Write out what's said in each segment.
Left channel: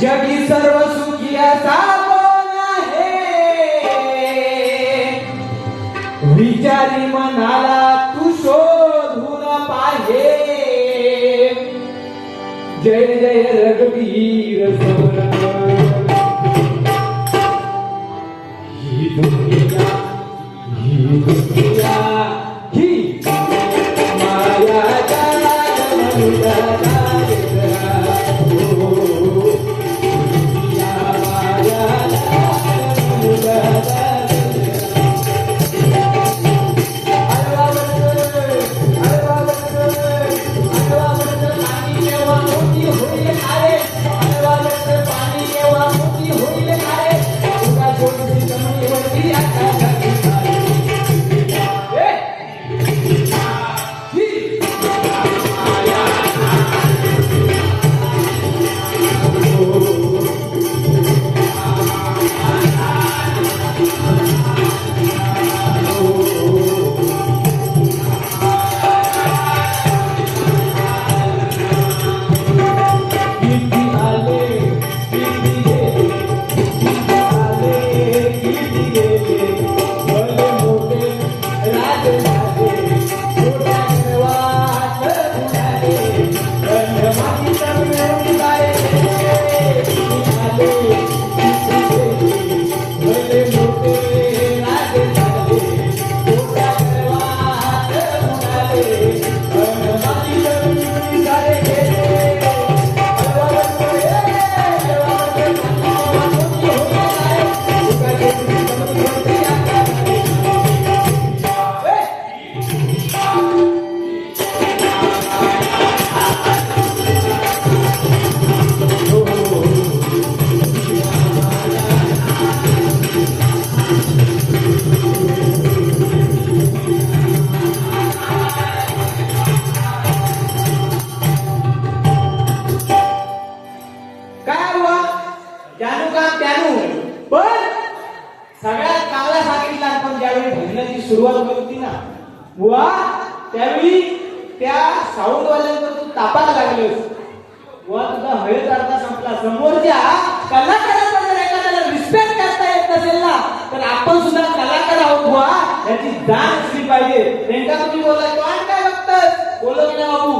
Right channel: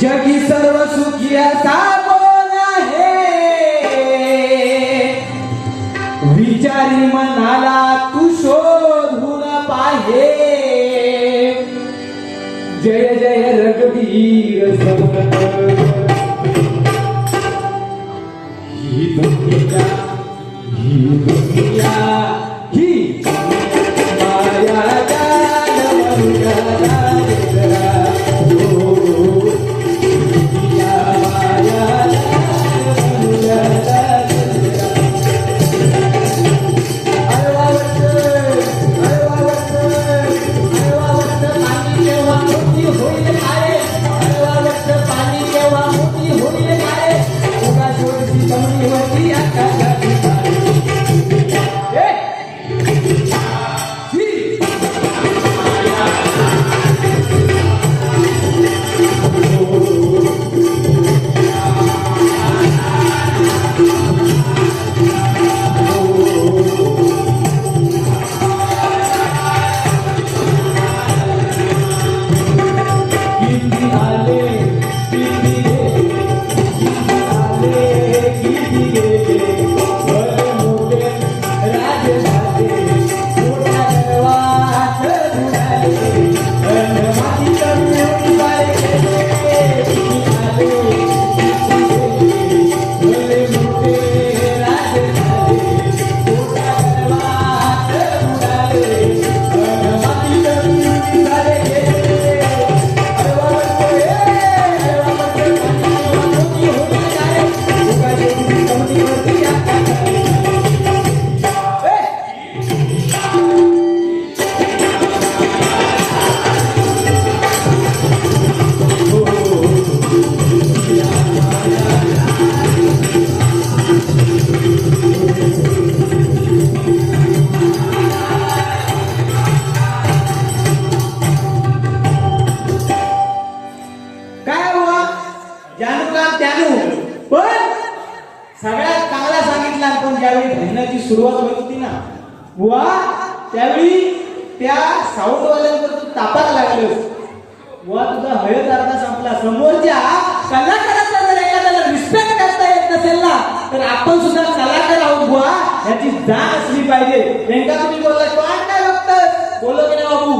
जगी सर्व सुखी असा कोण आहे विचारी मनाला तू शोधून पाहे जय जय रघुवीर समर्थ ही दुनिया ही दुनिया ही माया जाल सगळ्यात चांगला सांगितलं आपण ज्यावेळी भजनाची सुरुवात होती ना बुवा त्यावेळी त्या साऊंडवाल्यांवर तू तापायला लागलोस बुवा तुझा हळद अर्धा संपला समोरच्या कलाकाराचा जर एखाद्याला रिस्पेक्ट करता येत नसेल ना तर आपण सुद्धा कलाकार आहोत बुवा याची जाण असली पाहिजे नेमका तुम्ही बोलला कोण काय बघतोस बोललो की ना बाबू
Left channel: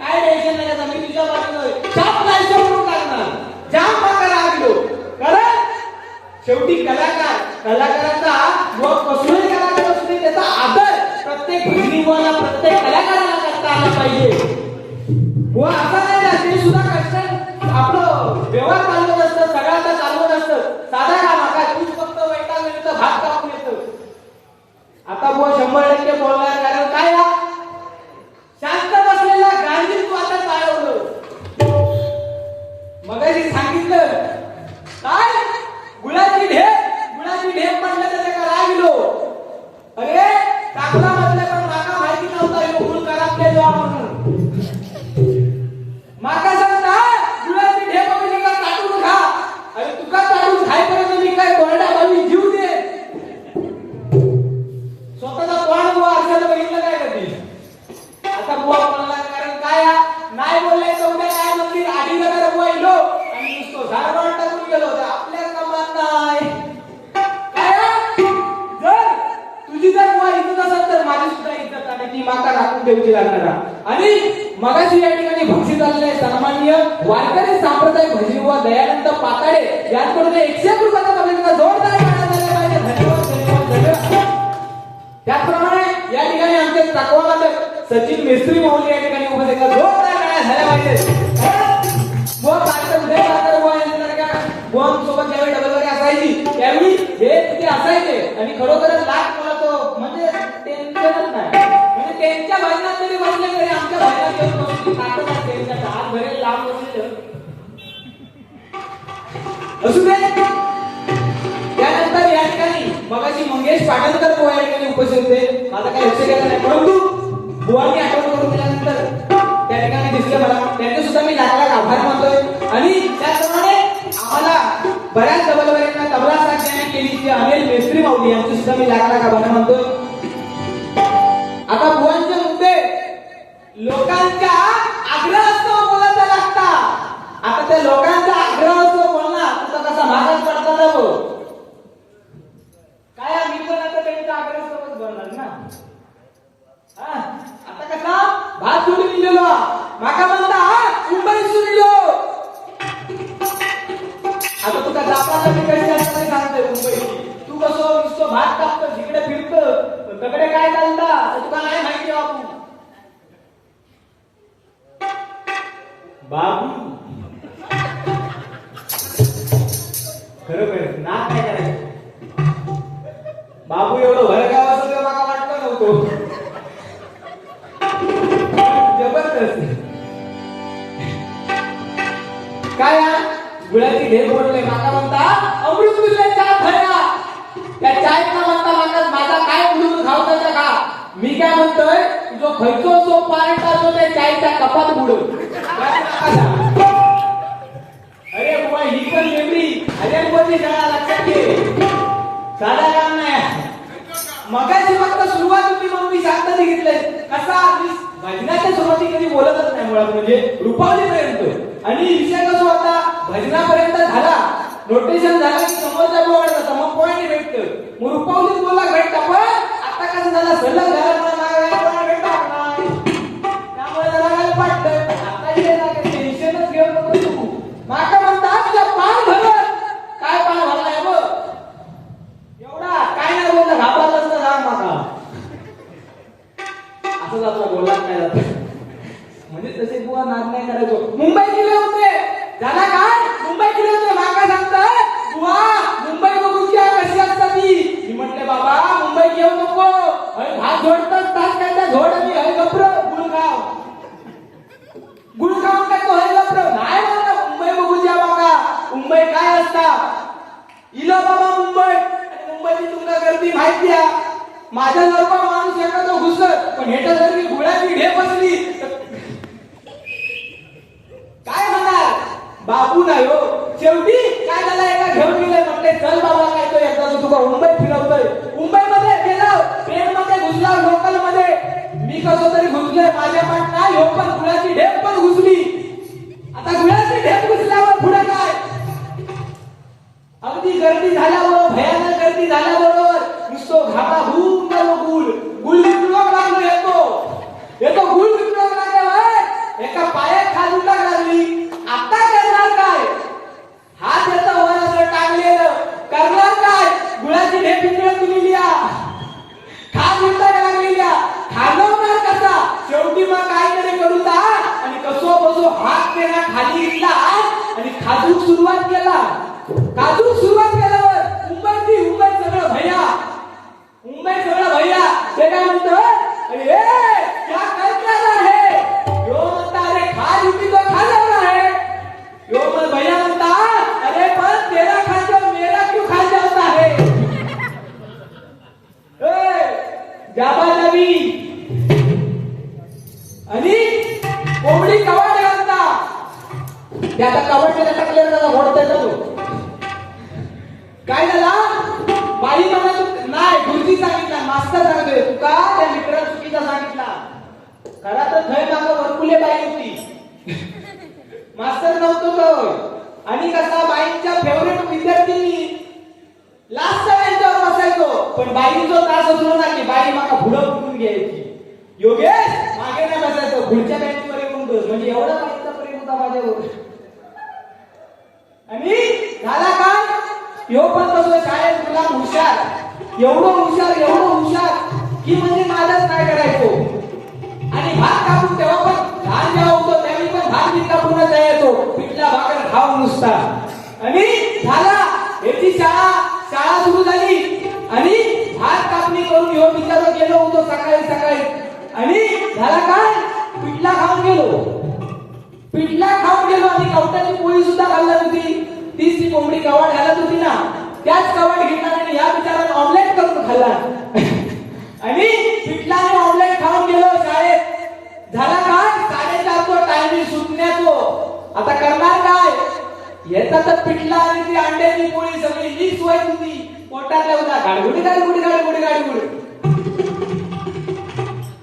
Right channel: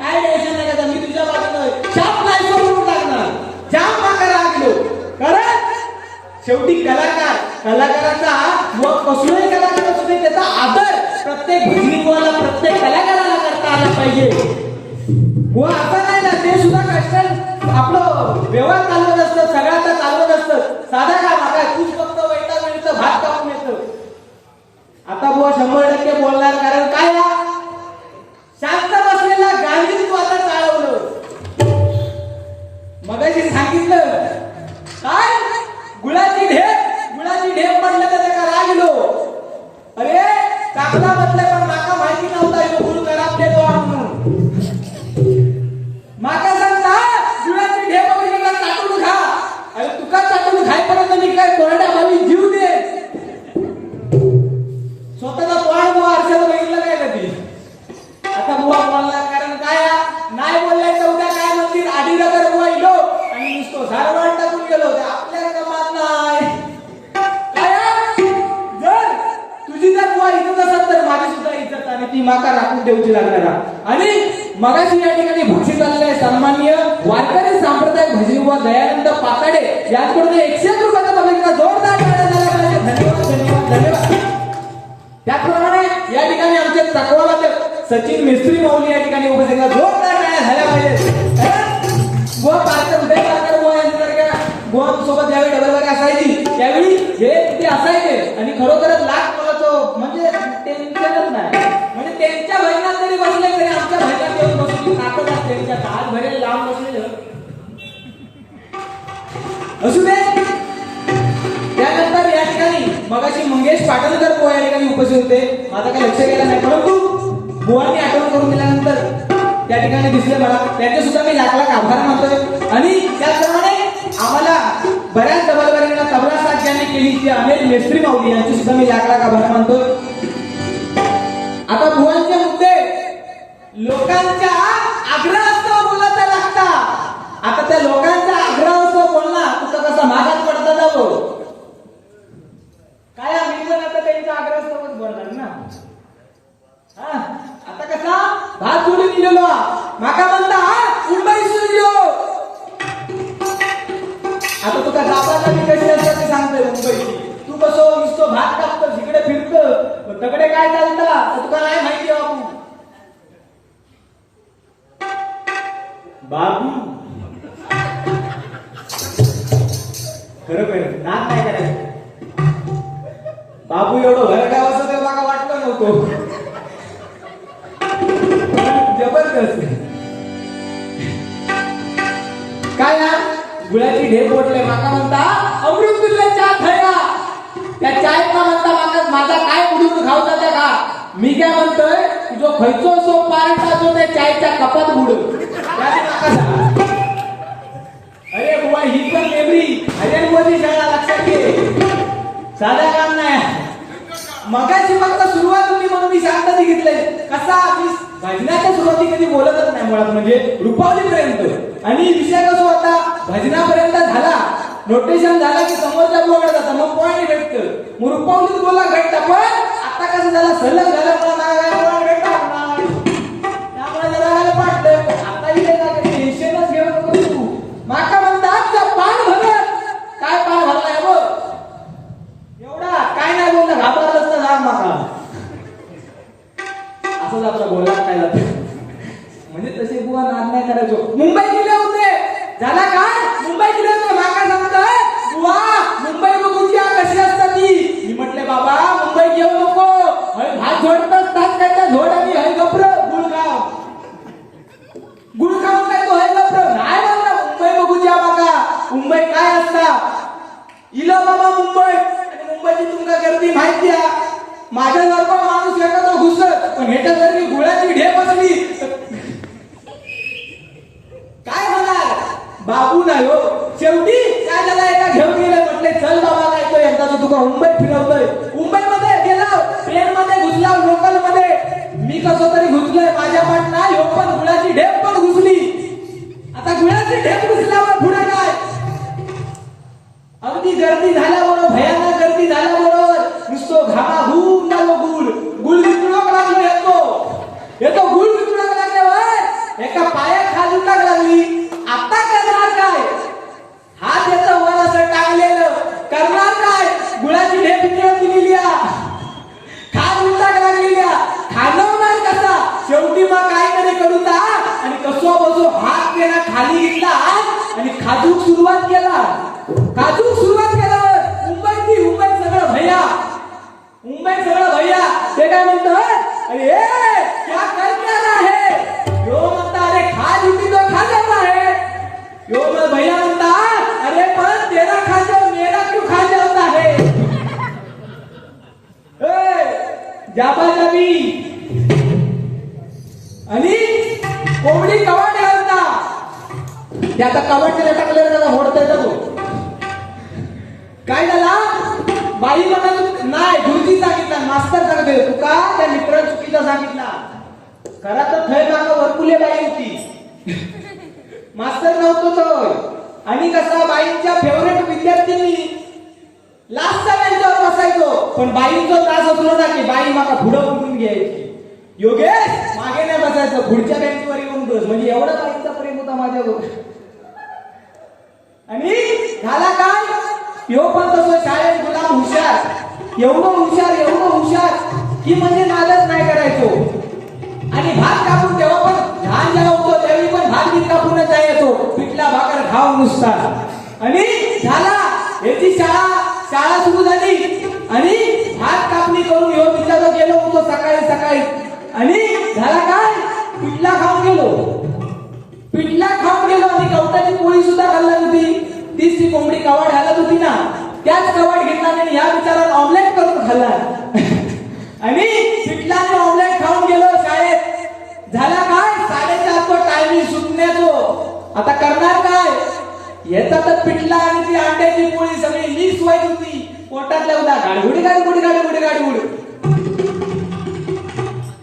काय टेन्शन नाही का मी तुझ्या बाजूला शाप नाही सोडून टाकणार जाम माका लागलो कारण शेवटी कलाकाराचा व कसलाही कलाकार असू दे त्याचा आदर प्रत्येक भजनीवाला प्रत्येक कलाकाराला करता आला पाहिजे व आता नाही ना ते सुद्धा कष्ट आपलं व्यवहार चालवत असतं सगळ्यांचा चालवत असतं साधा काम आता तूच फक्त वैताग मिळतं भात कापून येतं आता बुवा 100% बोलणार कारण काय शांत बसलेला गांधी तू आता चालवलं मगाशी सांगितलं काय गुळाची ढेप म्हणलं तर त्याला लागलो अरे टाकला म्हटलं तर माका माहिती नव्हता यो गुळ खराब देतो म्हणून माका सांगता गुळाची ढेप वगैरे का चाटून खा अरे तुका चाटून खायपर्यंत मी काय कोरड्या भावी जीव दे स्वतःचा तोंड बुवा आरशात बघितलं काय कधी आता बुवा बोलला कारण काय नाही बोललायचं उद्या काय मंदिर आधी नगर बुवा इलो आणि नुसतो झारवाड टाकून गेलो आपल्या कमात नाही ती माका राखून देऊची लागणार आणि मगाशी या ठिकाणी भक्ती चाललेले सन्माननीय वारकरी सांप्रदायिक भजनी व दयानंद पाताडे याचकडून 100 रुपयाचा बघा जोरदार धन्यवाद धन्यवाद धन्यवाद त्याचप्रमाणे या ठिकाणी आमचे तकवाला सचिन मिस्त्री माऊली या ठिकाणी उपस्थित जोरदार झाल्या पाहिजे व पात्र उदय पात्र व यांच्यासारख्या सोबत ज्यावेळी डबल वगैरे असायची त्यावेळी हे तिथे असायचे आणि खरोखरच लाख मला तो म्हणजे टेन्शनच नाही म्हणजे त्यांच्या भजनात तरी बसले तरी आमच्या भजनात येऊन बसली ताकद असते त्यांच्या हात भरेल लांब बसलेलं असू दे त्यानंतर या ठिकाणी मगाशी मंगेश पाटणकर या ठिकाणी उपस्थित होते माझा काही लक्ष गेलं नाही परंतु बुवांनी आठवण करून दिल्यानंतर त्या ठिकाणी दिसले मला त्यांचे सुद्धा मी लाख लाख आभार मानतोय आणि त्याचप्रमाणे आम्हाला बऱ्याच डबलवाल्यांना तबला साथ ज्यांनी केली ती अनिल मेस्त्री माऊली यांची सुद्धा मी लाख लाख आभार मानतोय आता बुवांचे मुद्दे लोकांच्या आग्रहास्तव बोलायला लागतात आता त्या लोकांचा आग्रह तुका जाताना मी कशी असतात ते सांगतोय मुंबईची. तू कसो नुसतं भात कापतो जिकडे फिरतं तकडे काय चालतं तुका नाही माहिती बाबू. बाबू खरं ना काय करायचं. बाबू एवढं भरगाव असं ते मला वाटलं नव्हतं. जबरदस्त काय गुळाची ढेर फोडले माका म्हणता अमृत तुझ्या चहा थैला त्या चायचा म्हणता माका माझा काय उडून खावता त्या का. मी काय म्हणतोय जो खयचो सो पार्टचा जो त्या चायच्या कपात बुडव. अरे बुवा ही पण मेमरी अरे मोदी सगळा लक्षात घे. साधा काम नाही. मगाची फक्त सुरुवात होती म्हणून मी शांतता घेतलंय. कसा भजनाच्या सुरुवाती कधी बोलतच नाही मुळात म्हणजे रुपावलीपर्यंत. आणि विषय कसा होता भजनापर्यंत झाला नोटेशन झाला की समोरच्या बोलत मग पॉईंट भेटत मग रुपावलीत बोला भेटता. पण आता कसं झालं सलग झाल्यामुळे मला भेटणार नाही त्यामुळे जरा पाठत. आता इथे टेन्शनच घेऊ नको तू. माका म्हणतात तुझा पान भरलं काय पान भरलाय बघ एवढा काय नाही बोलता घाबरलं असतं ना माका. असंच आपला बोलला काय जात म्हणजे तसे बुवा नाद नाही करायचो. मुंबई गेले होते झाला काय मुंबई गेले होते माका सांगतोय बुवा मुंबई बघूची कशी असतात ती. मी म्हटले बाबा मुंबई घेऊ नको भात झोडतात टाकायचा झोड आणि हय गप्र गुळगाव गुळगाव काय तो हय गप्र नाही म्हणला मुंबई बघूची बाबा. मुंबई काय असता इला बाबा मुंबई आणि मुंबईची तुमका गर्दी माहिती आहे. माझ्या जर का माणूस एखादा घुसत पण ह्याच्या जर मी गुळाची ढेप असली काय म्हणाल बाबू नाही हो. शेवटी काय झालं एका घेऊन गेले म्हटले चल बाबा काय तो एकदा तुका मुंबई फिरवतोय. मुंबईमध्ये गेला ट्रेन मध्ये घुसला लोकल मध्ये मी कसं तरी घुसले माझ्या पण नाही हो पण गुळाची ढेप पण घुसली. आता गुळाची ढेप घुसल्यावर पुढे काय अगदी गर्दी झाल्याबरोबर भयानक गर्दी झाल्याबरोबर नुसतो घामा होऊन झालो गुळ गुळ वितळक लागलो येतो गुळ वितळक लागल्यावर एका पायात खाजून लागली. आता करणार काय हात येतं वर असं टांगलेलं करणार काय गुळाची ढेप वितळत दिलेली खाज वितळक लागलेल्या खाणवणार कसा. शेवटी मग काय तरी करू ता आणि कसो बसो हात केला खाली घेतला आणि खाजूक सुरुवात केला. काजूक सुरुवात केल्यावर मुंबई सगळं भैया ते काय म्हणतात अरे क्या कर रहा है यो म्हणता अरे खा लिपी तो खा जाता है यो भैया म्हणता अरे पण तेरा खाते मेरा क्यों खा जाता है. जाबाजाबी आणि कोंबडी कवाट घालता त्याचा कवाटच्या टाकलेला त्याला मोडता येतो. काय झाला बाई म्हणत नाही गुरुजी सांगितला मास्तर सांगते तुका त्या मित्र चुकीचा सांगितला. खरा तर थय माग वरकुले बाई होती मास्तर नव्हतो तो. आणि कसा बाईंच्या फेवरेट विद्यार्थ्यांनी लास्टचा त्यांच्यावर बसायचो पण बाईंचा त्रास असलो ना की बाई मागा पुढं उठून घ्यायची. योगेश मागे नाही बसायचं पुढच्या बेंचवर येऊन बस म्हणजे एवढा बाईंचा प्रेम होता माझ्यावर. आणि झाला काय यो पण तसं शाळेत गुलाम हुशार एवढं हुशार की म्हणजे माझंच नाही करायचो. आणि भात कापून तेव्हा पण लहान जेव्हा होतो त्यावेळी पण भात बीत कापूनच जायचो पिठला भाकर खाऊन नुसता. आणि झाला याची शाळा सुरू झाली आणि भात कापणी करून ह्यो बिचारा गेलो होतो सकाळी आणि झाला काय पिठला खाऊन गेलो आणि कवटाची पोळी सुद्धा खाल्ला होती. तीच ती कोंबडी कवाट घालत होती ना त्याच कवाट घेतला आणि या विचारात ऑमलेट करून खाल्ला आणि पिठलाने ऑमलेट खाऊन गेलो शाळेत. झाला काय 4:30 तो टायमिंग सुटण्याचो. आता करणार काय याचा तर पिठला आणि ती अंड्याची पोळी सगळी मिक्स व्हायची होती पोटात लावला गाडगुड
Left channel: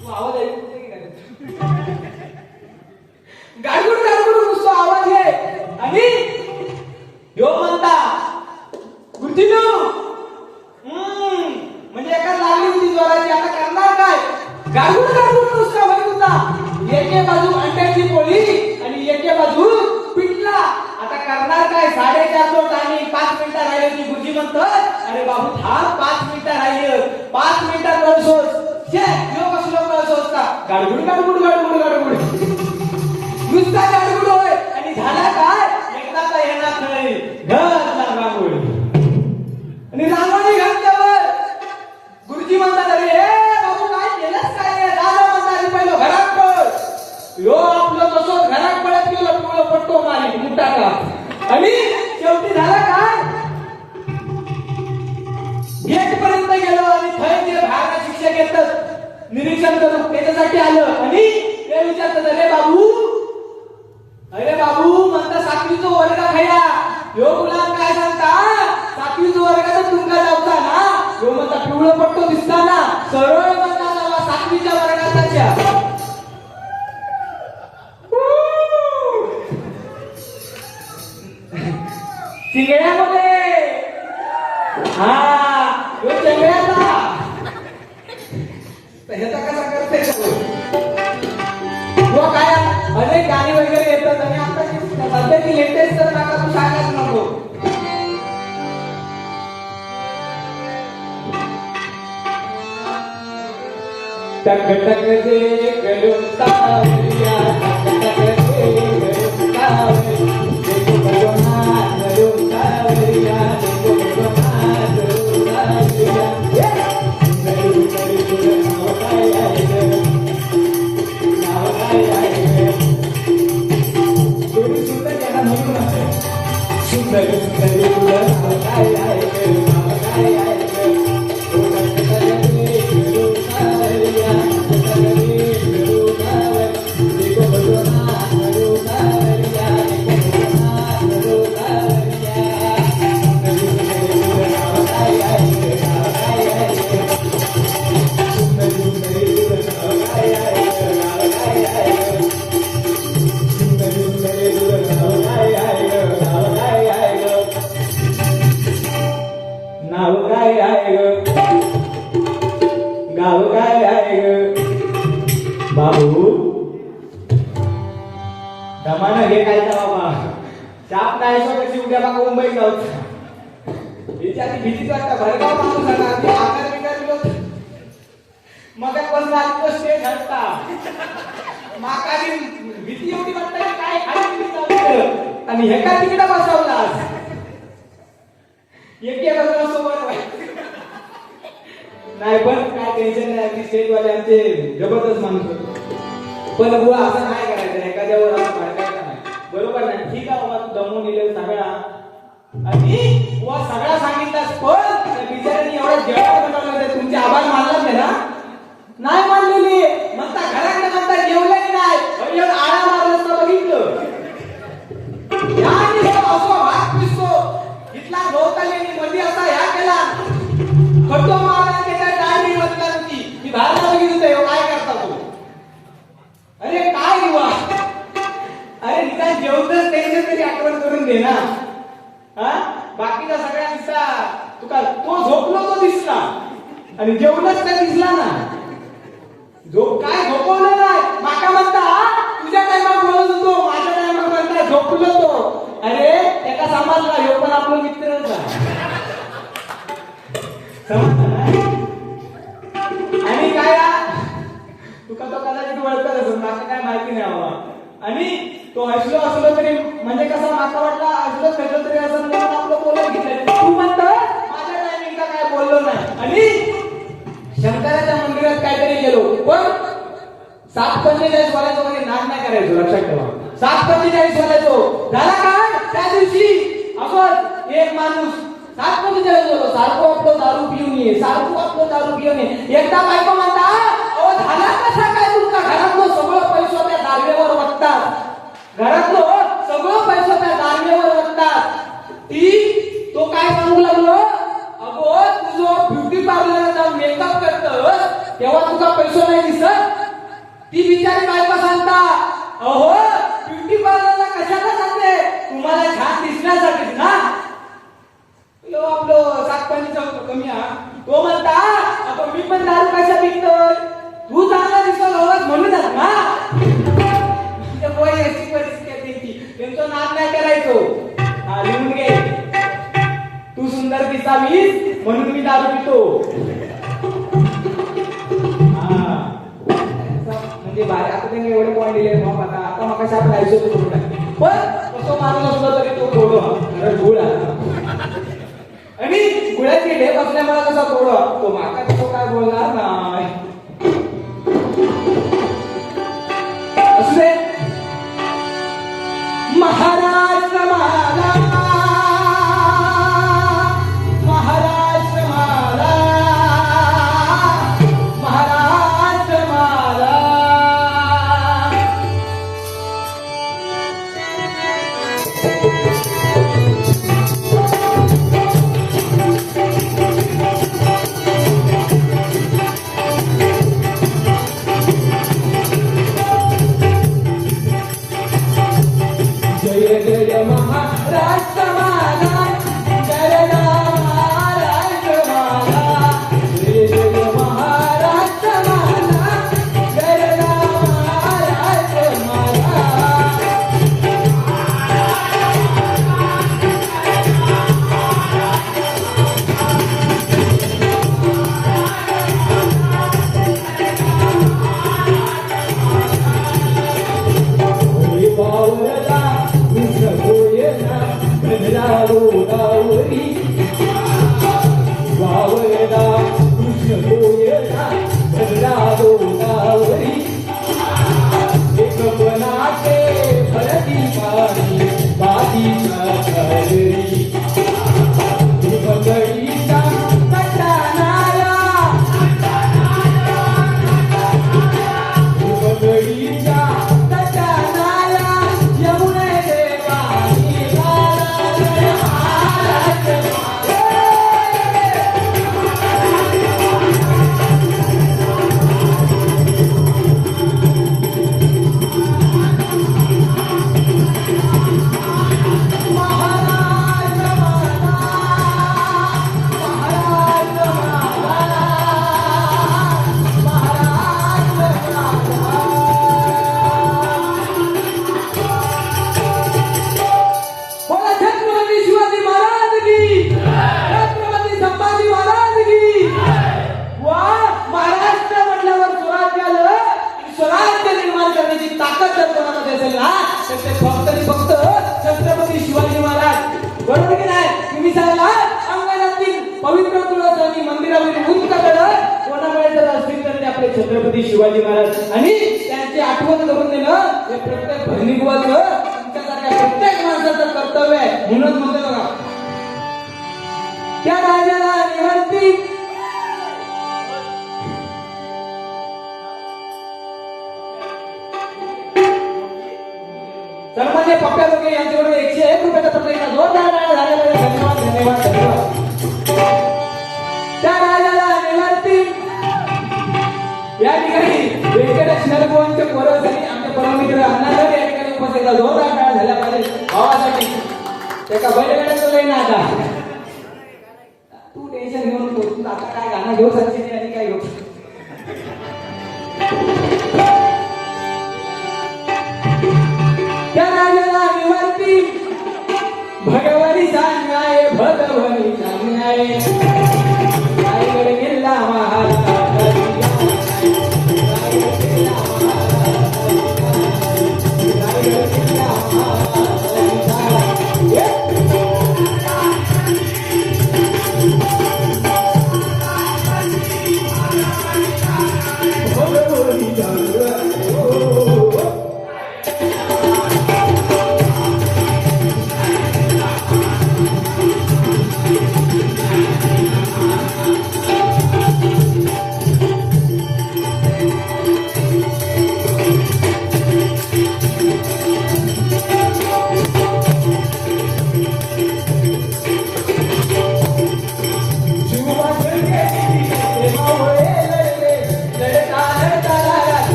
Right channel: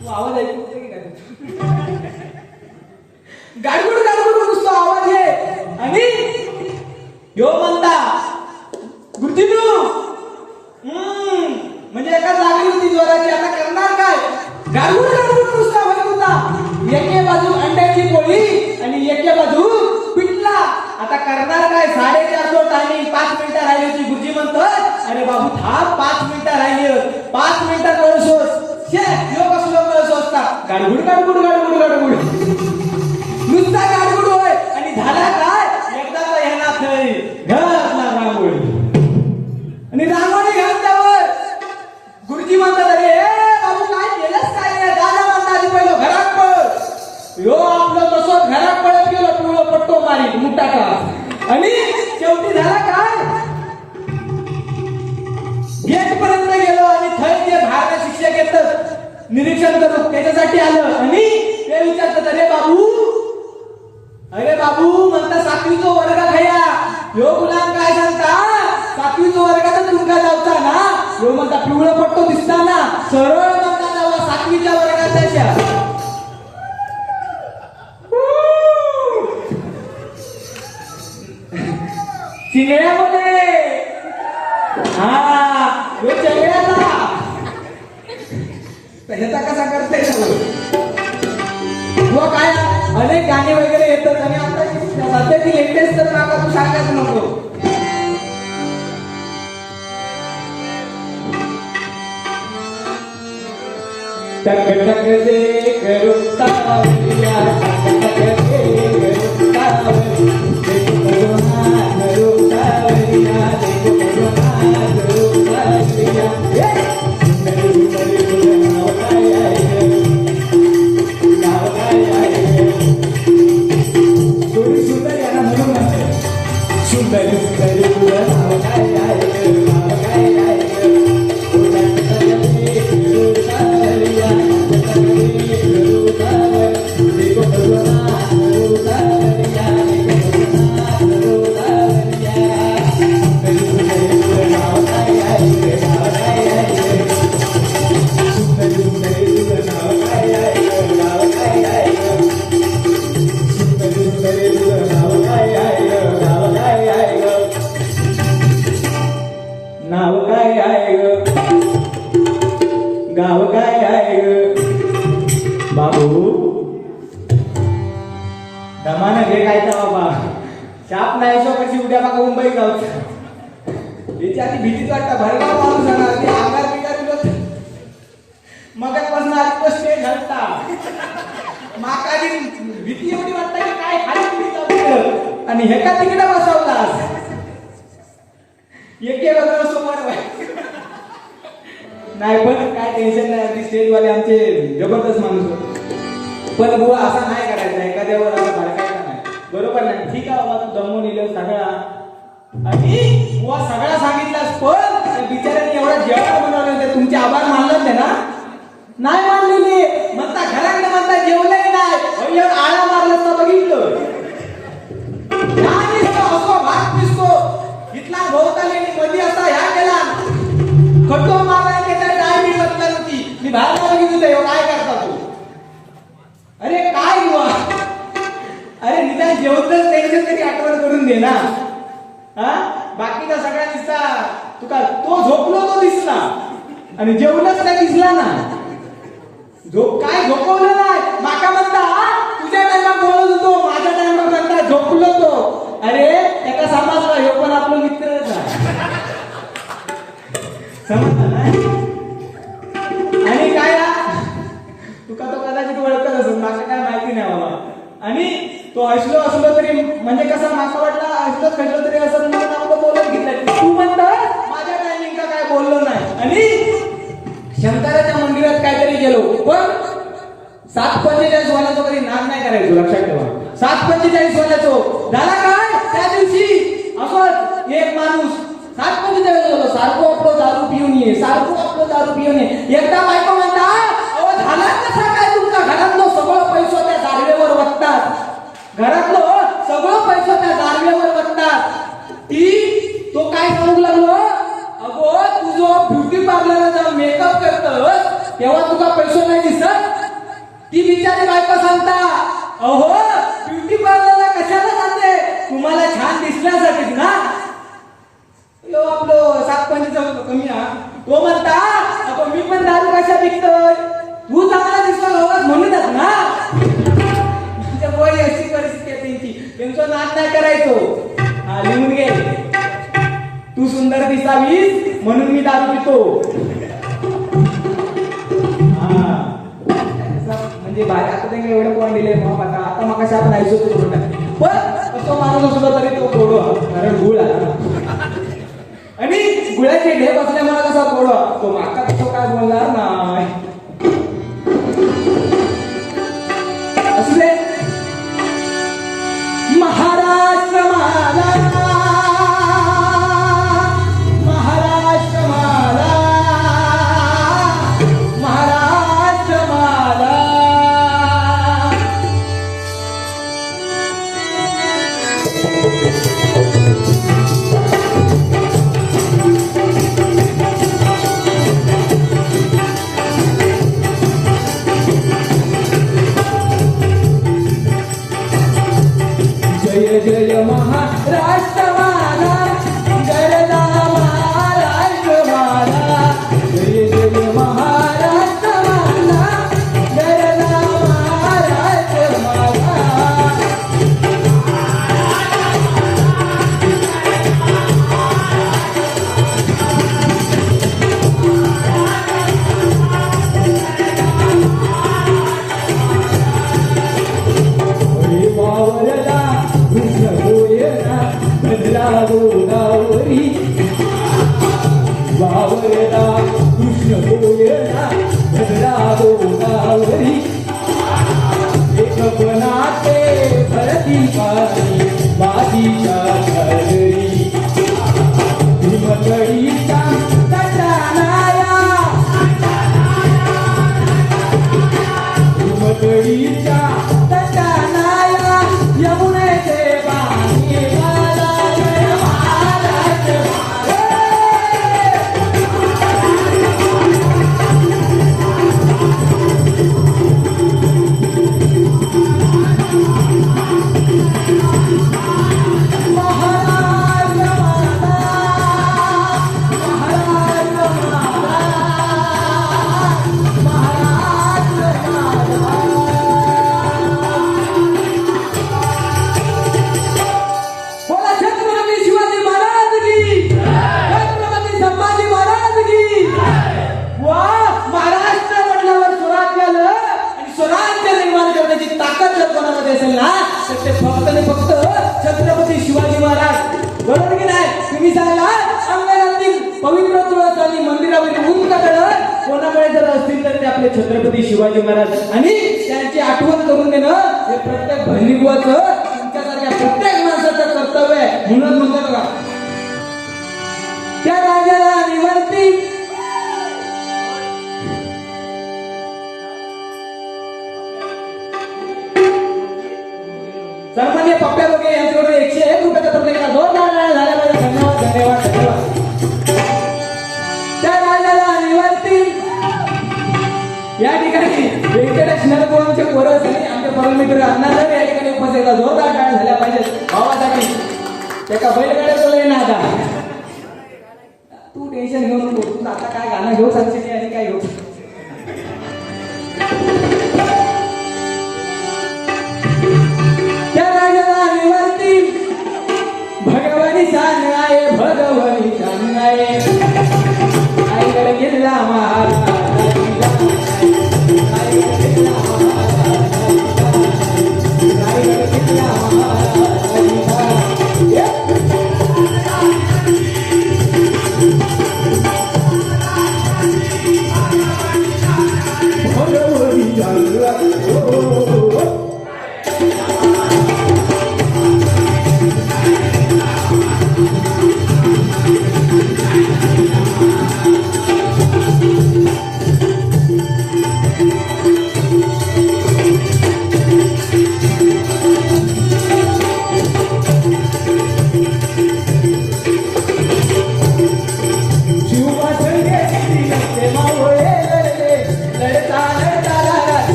तू आवाज ऐकू गाडगुड नुसतो आवाज आहे. आणि यो म्हणता गुरुजीनू म्हणजे एका लागली होती जोराची. आता करणार काय गाडगुड नुसता होत होता. एके बाजू अंड्याची पोळी आणि एके बाजू पिठला. आता करणार काय 4:30 टायमिंग निरीक्षण करू त्याच्यासाठी आलं आणि ते विचारतात अरे बाबू म्हणता सातवीचा वर्ग खाया ह्यो मुलांना काय सांगता सातवीचा वर्ग तर तुमका जावचा ना ह्यो म्हणता पिवळं पट्टो दिसता ना सरळ म्हणता जावा सातवीच्या वर्गाचा चिंगड्या बोले हा ह्यो चिंगड्याचा ह्याचा कसा करते व काय अनेक गाणी वगैरे येतात आणि आता सध्याची लेटेस्ट तर काका तू सांगायच नको टक टक दे करू तावलिया टक टक दे करू तावलिया देखो भगवान करू तावलिया देखो भगवान करू तावलिया करू करू नाव काय थोडी सुंदर याला म्हणून सुंदर सुंदर नाव काय गाव काय आहे बाबू दमाना घे काय बाबा चाप नाही सो कशी उद्या बघा मुंबई जाऊ याची आधी भीतीच वाटतं भरगाव माणूस झाला आधी आकार बिकार मगापासून आधी तो स्टेज हटता माका आधी भीती एवढी वाटतं की काय खाली आणि हे का तिकडे बसवलास एके बाजूला समोर नाही पण काय टेन्शन नाही अगदी स्टेजवाले आमचे जबरदस्त माणूस होते पण बुवा असं नाही करायचं एखाद्यावर असं भडकायचं नाही बरोबर नाही ठीक आहे बाबा तू दमून येईल सगळा आणि बुवा सगळा सांगितलास पण त्या बिचाऱ्यांनी एवढा जेवण बनवलं होतं तुमचे आभार मानलाच आहे ना नाही मानलेली म्हणता घराकडे म्हणता जेवलंही नाही एवढं आळा मारलं तर बघितलं असो भात दिसतो इथला भोवताली मध्ये असा ह्या केला खड्डो मारला ते काय काय मिळत करती मी बाहेर बघितलं होतं काय करता तू अरे काय बुवा अरे निदान जेवतच त्यांचं तरी आठवण करून दे ना हा बाकीचा सगळा दिसता तुका तो झोपलो तो दिसला आणि जेवणच काय दिसला ना झोप काय झोपवलं नाही माका म्हणता तुझ्या टाइमात बोलत होतो माझ्या टाइमात म्हणता झोपलो तो अरे एका समजला हे पण आपला मित्रच आहे आणि काय तुका तो कदाचित ओळखत असेल माझं काय माहिती नाही बाबा आणि तो असलो तरी म्हणजे कसा माका वाटला असलोच खचलो तरी असं म्हणून आपलं बोलत घेतलं तू म्हणत माझ्या टायमिंगला काय बोललो नाही आणि शंकराच्या मंदिरात काहीतरी गेलो पण 7:45 वाल्याचं कधी नाम नाही करायचो लक्षात ठेवा 7:45 वाल्याचो झाला काय त्या दिवशी असं एक माणूस 7:45 होतो सारखं आपलं दारू पिऊन ये सारखं आपलं दारू पिऊन ये एकदा बायको म्हणता अहो झाला कसा काय तुमचा घरातलं सगळं पैसा त्या दारवेवर वटतात घरातलं सगळं पैसा त्या दारवेवर वटतात ती तो काय सांगू लागलो अगो तुझं ब्युटी पार्लर जाऊन मेकअप करतस तेव्हा तुझा पैसा नाही दिसत ती बिचारी बायको सांगता अहो ब्युटी पार्लरला कशाला जाते तुम्हाला छान दिसण्यासाठीच ना आपलं 7:45 कमी तो म्हणता आपण मी पण दारू कशा पिकतोय तू चांगला दिसतोय म्हणूनच ना अशी परिस्थिती आहे त्यांची त्यांचं नाद नाही करायचो हा लिहून घे तू सुंदर दिसावीस म्हणून मी दारू पितो हा म्हणजे बाहेर आता त्यांनी एवढं पॉईंट दिले आता मग कशा आपण ऐकतो पण असं माणूस असलो तरी तो थोडं कारण गुळ आता आणि गुळाचे ढेप असल्यामुळे कसा थोडं तो माका कसं काय बोलणार नाही असले महाराष्ट्र माला महाराष्ट्र माला महाराष्ट्र जय महाराष्ट्र माझा, गरजा महाराष्ट्र माझा. जय जय महाराष्ट्र माझा, गरजा महाराष्ट्र माझा. वावरला कृष्ण होयला गजरा गोदावरी. वावरला कृष्ण होयला गजरा गोदावरी. एक बनाते हळदी काळी बाजीच्या घरी. मंडळीचा गजानाला, मंडळीच्या छत्रपती शिवाजी महाराज आणि त्यांची आठवण करून देणं हे प्रत्येक बहिणीगुवाचं तुमच्यासारख्या प्रत्येक माणसाचं कर्तव्य आहे. म्हणून म्हणतो बघा, त्या राजाला निवर्ती सन्मान्य पप्प्या लोके यांच्याकडे 101 रुपयाचा प्रत्येक जोरदार झाला पाहिजे. धन्यवाद धन्यवाद धन्यवाद. त्या राजाला निवर्ती या ठिकाणी व्यंकटेश नरगोवांचे पोरसनी आमच्या परममित्र अण्णासाहेब या ठिकाणी उपस्थित आहेत. जोरदार टाळ्या झाल्या पाहिजे भावासाठी. त्याचा बैलगाड्याचं लय ना आता तू टेन्शन घेऊन बोल. आता काय गाणं घेऊ शकते आणि काय घेऊ. त्या राजाला निवर्ती भगवानी सांगाय, भगवानी सांगाय. रायगड किल्ला महाराज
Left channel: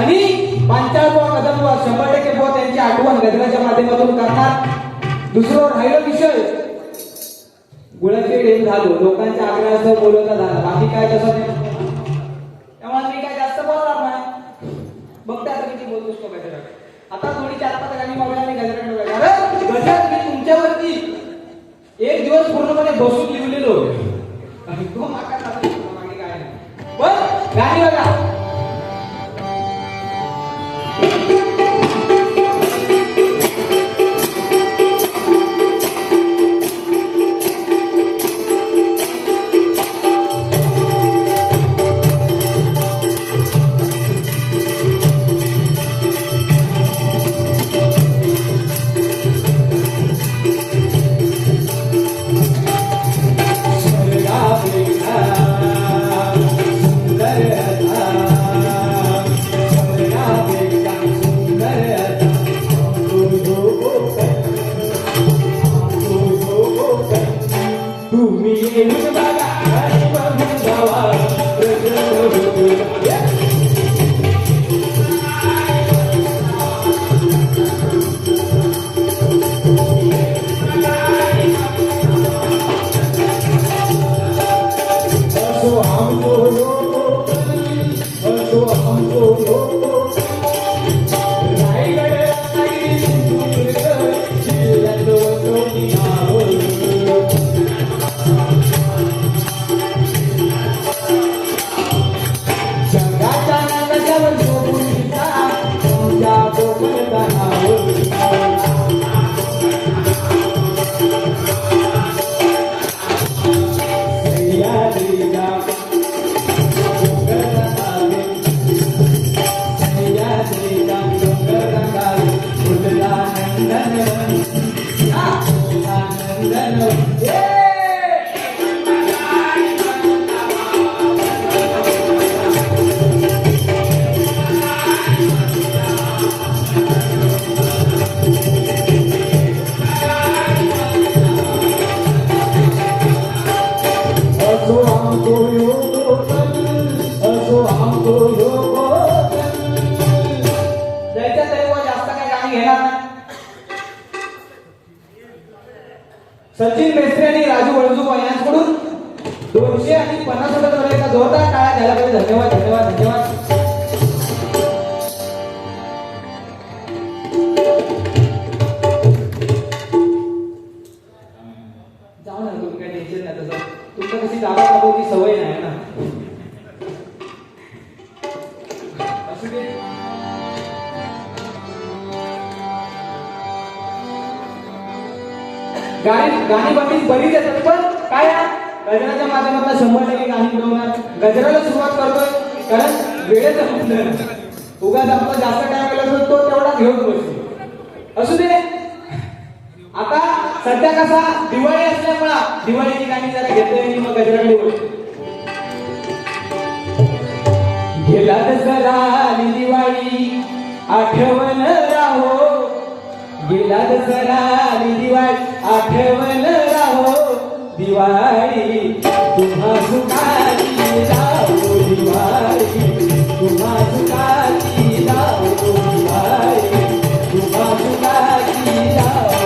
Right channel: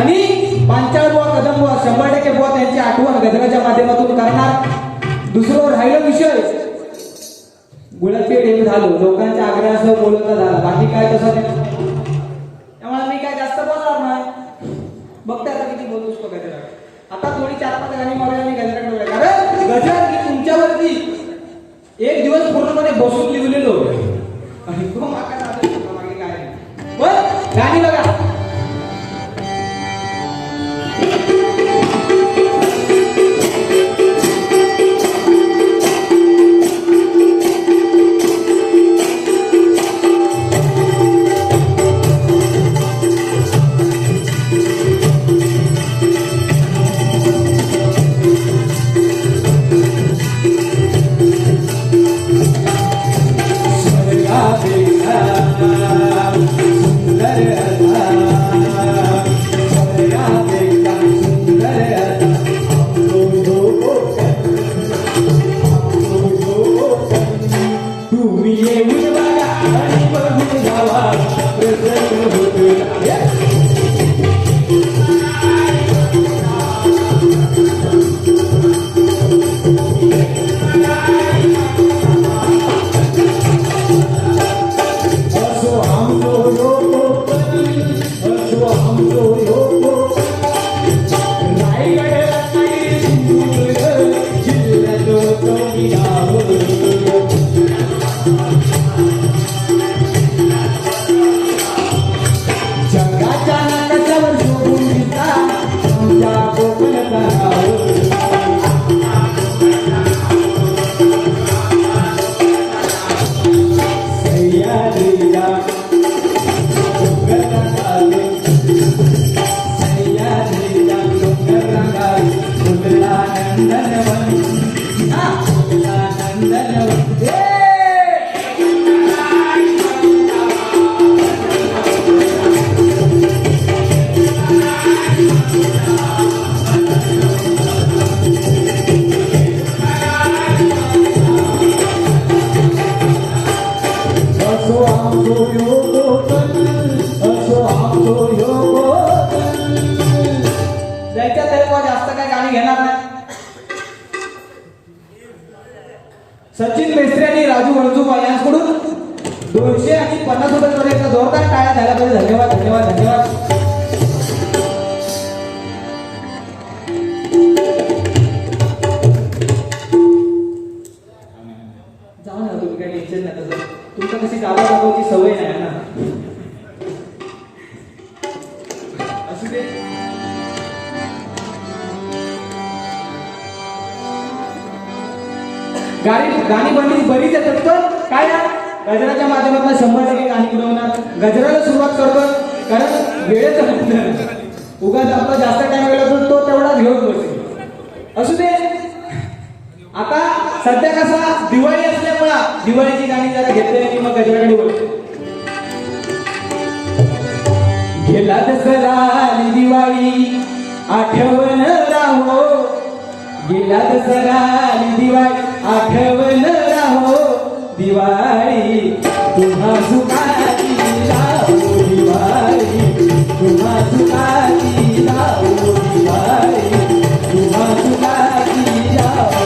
आणि पांचाळ बुवा कदम बुवा 100% बुवा त्यांची आठवण गजराच्या माध्यमातून करणार. दुसरं राहिलं विषय गुळाचे ढेप झालो लोकांच्या आग्रहासह बोलवता झाला बाकी काय तसं नाही. त्यामुळे मी काय जास्त बोलणार नाही. बघता आता किती बोलू शकतो गजरा. आता थोडी 4-5 गाणी मागल्या मी गजराकडे बघा. अरे गजर मी तुमच्यावरती एक दिवस पूर्णपणे बसून लिहिलेलो आणि तो माका मागे काय नाही. पण गाणी बघा. सचिन मेस्त्री आणि राजू वळजुपा यांच्याकडून 250 रुपये एकदा जोरदार टाळ्या द्यायला पाहिजे. धन्यवाद धन्यवाद धन्यवाद. जाऊ ना तुम्ही काय टेन्शन नाही. तसं तुमचं कशी जागा दाखवायची सवय नाही ना. असू दे. गाणी मंडळी बरीच येतात पण काय गजराच्या माध्यमातून 100% गाणी बनवणार. गजराला सुरुवात करतो कारण वेळेचं बंधन. उगाच आपला जास्त टाइम वेळ असेल तो तेवढा घेऊन बसेल. असू दे. आता सध्या कसा दिवाळी असल्यामुळे दिवाळीची गाणी जरा घेतली की मग गजराकडे बोलतो. गेला दसरा दिवाळी आठवण राहो. गेला दसरा दिवाळी आठवण राहो. दिवाळी तुम्हा सुखाची राहो. दिवाळी तुम्हा सुखाची राहो. दिवाळी तुम्हा सुखाची राहो.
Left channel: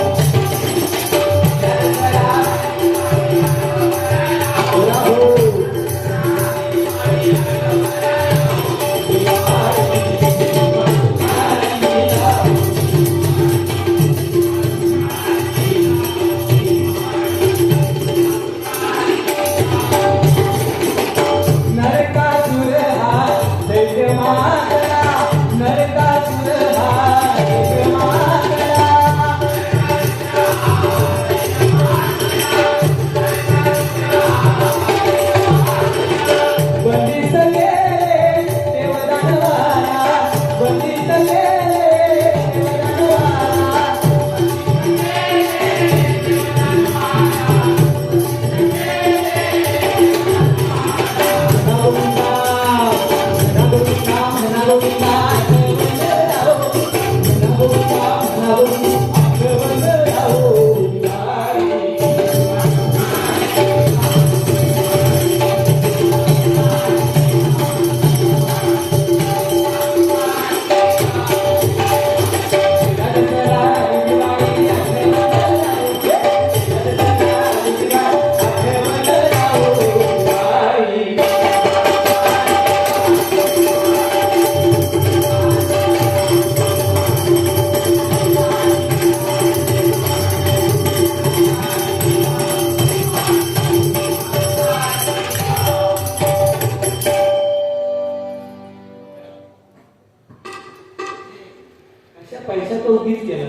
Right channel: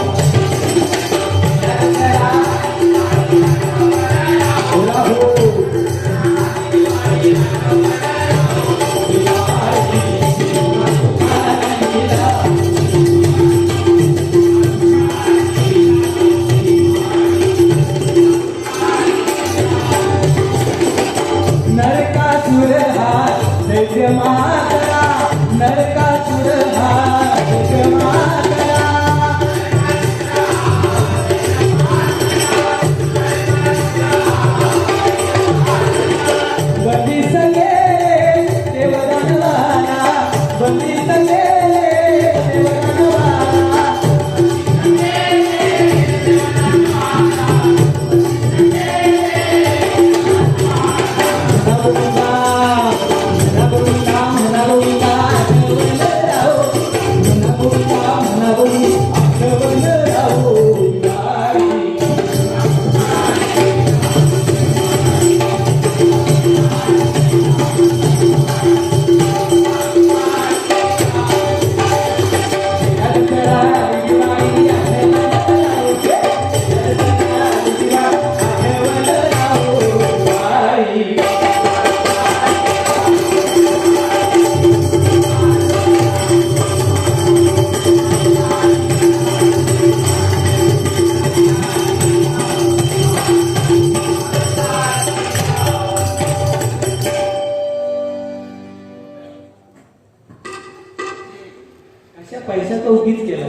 त्या पैशाचं उगीच केलं.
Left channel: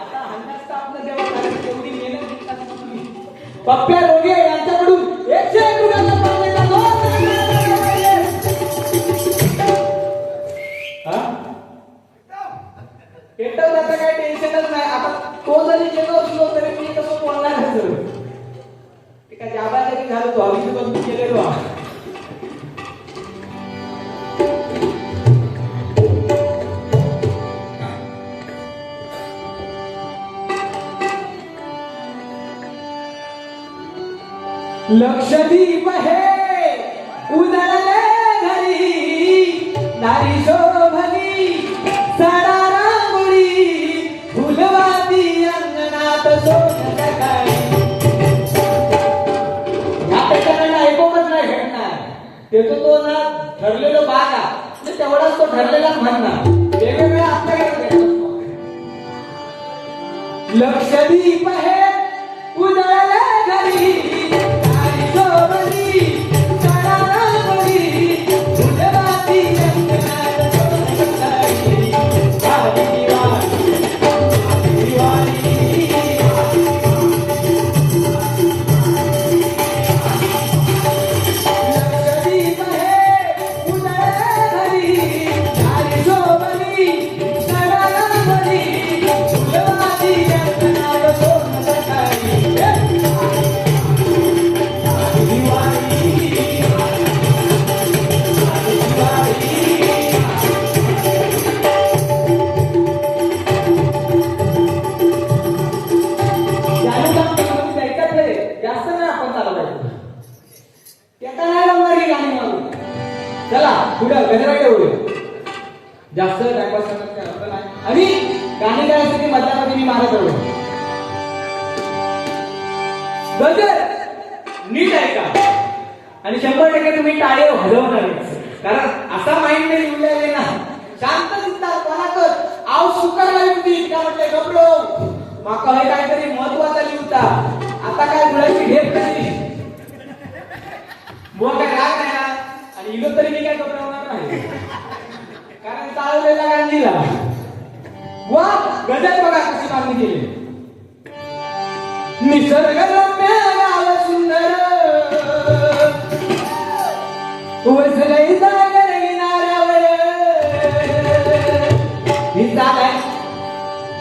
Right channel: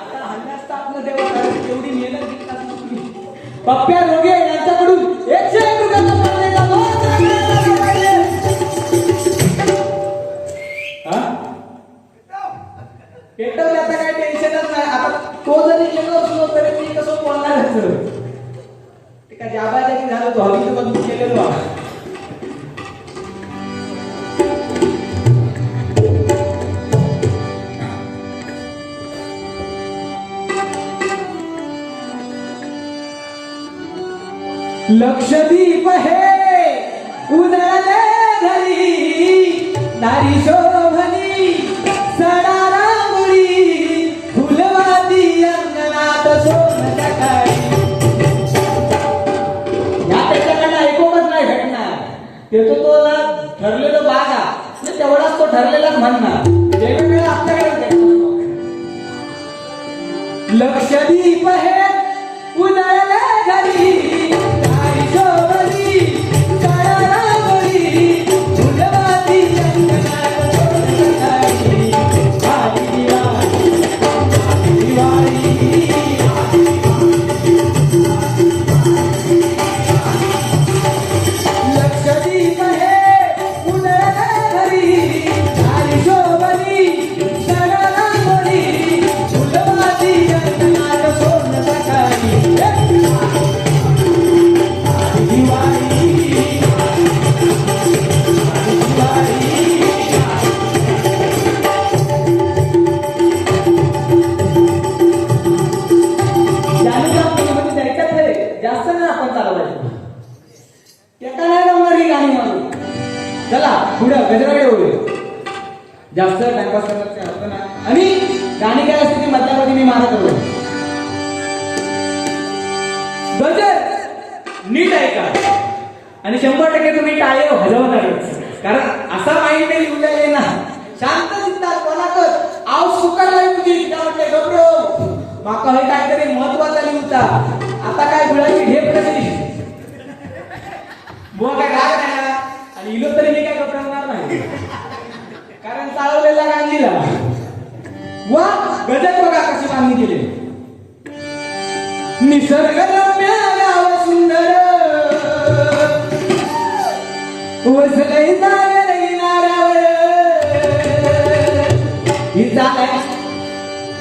आता हल्लाच तर आपलं देवा कारण एवढी मेहनत घेतला तुम्ही. पप्प्या रोगे यांच्याकडून 101 रुपये मारले का तो? हा? पेटवल्याचं काही टेन्शनच नाही. आता तो जरी गेलो असलो तरी मी कसं बोलणारच. ते काय जाबाजागी झालं तो हवीची बंद केलेलो. लक्षदीप हे उन्हाळ्या घरी नारी शोभनी सडा रांगोळी फुलवाती अंगणात सोन सकाळी. या त्याच्याकडनं ऐकूनच नाही भेटणार. येतो तो ना ठरलेलं बागा तेवढाच तो ठरलेलाच म्हणणार. वेगवेगळ्या आपल्याकडे लक्षदीप हे उन्हाळ्या घरी जास्त टाइमपास करण्याचा अर्थ नाही. आणि गाणी काय असते ती मधल्यामध्ये मी मारत होतो. गजर नीट ऐका आणि 100% तुम्ही टाळे वाजवणारच. कारण असा माइंड नाही उडले ना. शांत दिसतात कोणाकच आव सुकर लागली त्या म्हटले गबरो माका हे काहीतरी महत्वाचा लिहूचा. आता काय गुळाची ढेप कशी बोल काय राग नाही आणि इलो तरी मी काय घबरवणार नाही. कारण चालवलेल्या गांधीला वा गजर बघा कशी मागणी केली. निसर्गरम्य गाव सुंदर वसलई सागर किनाऱ्यावर ही झालाय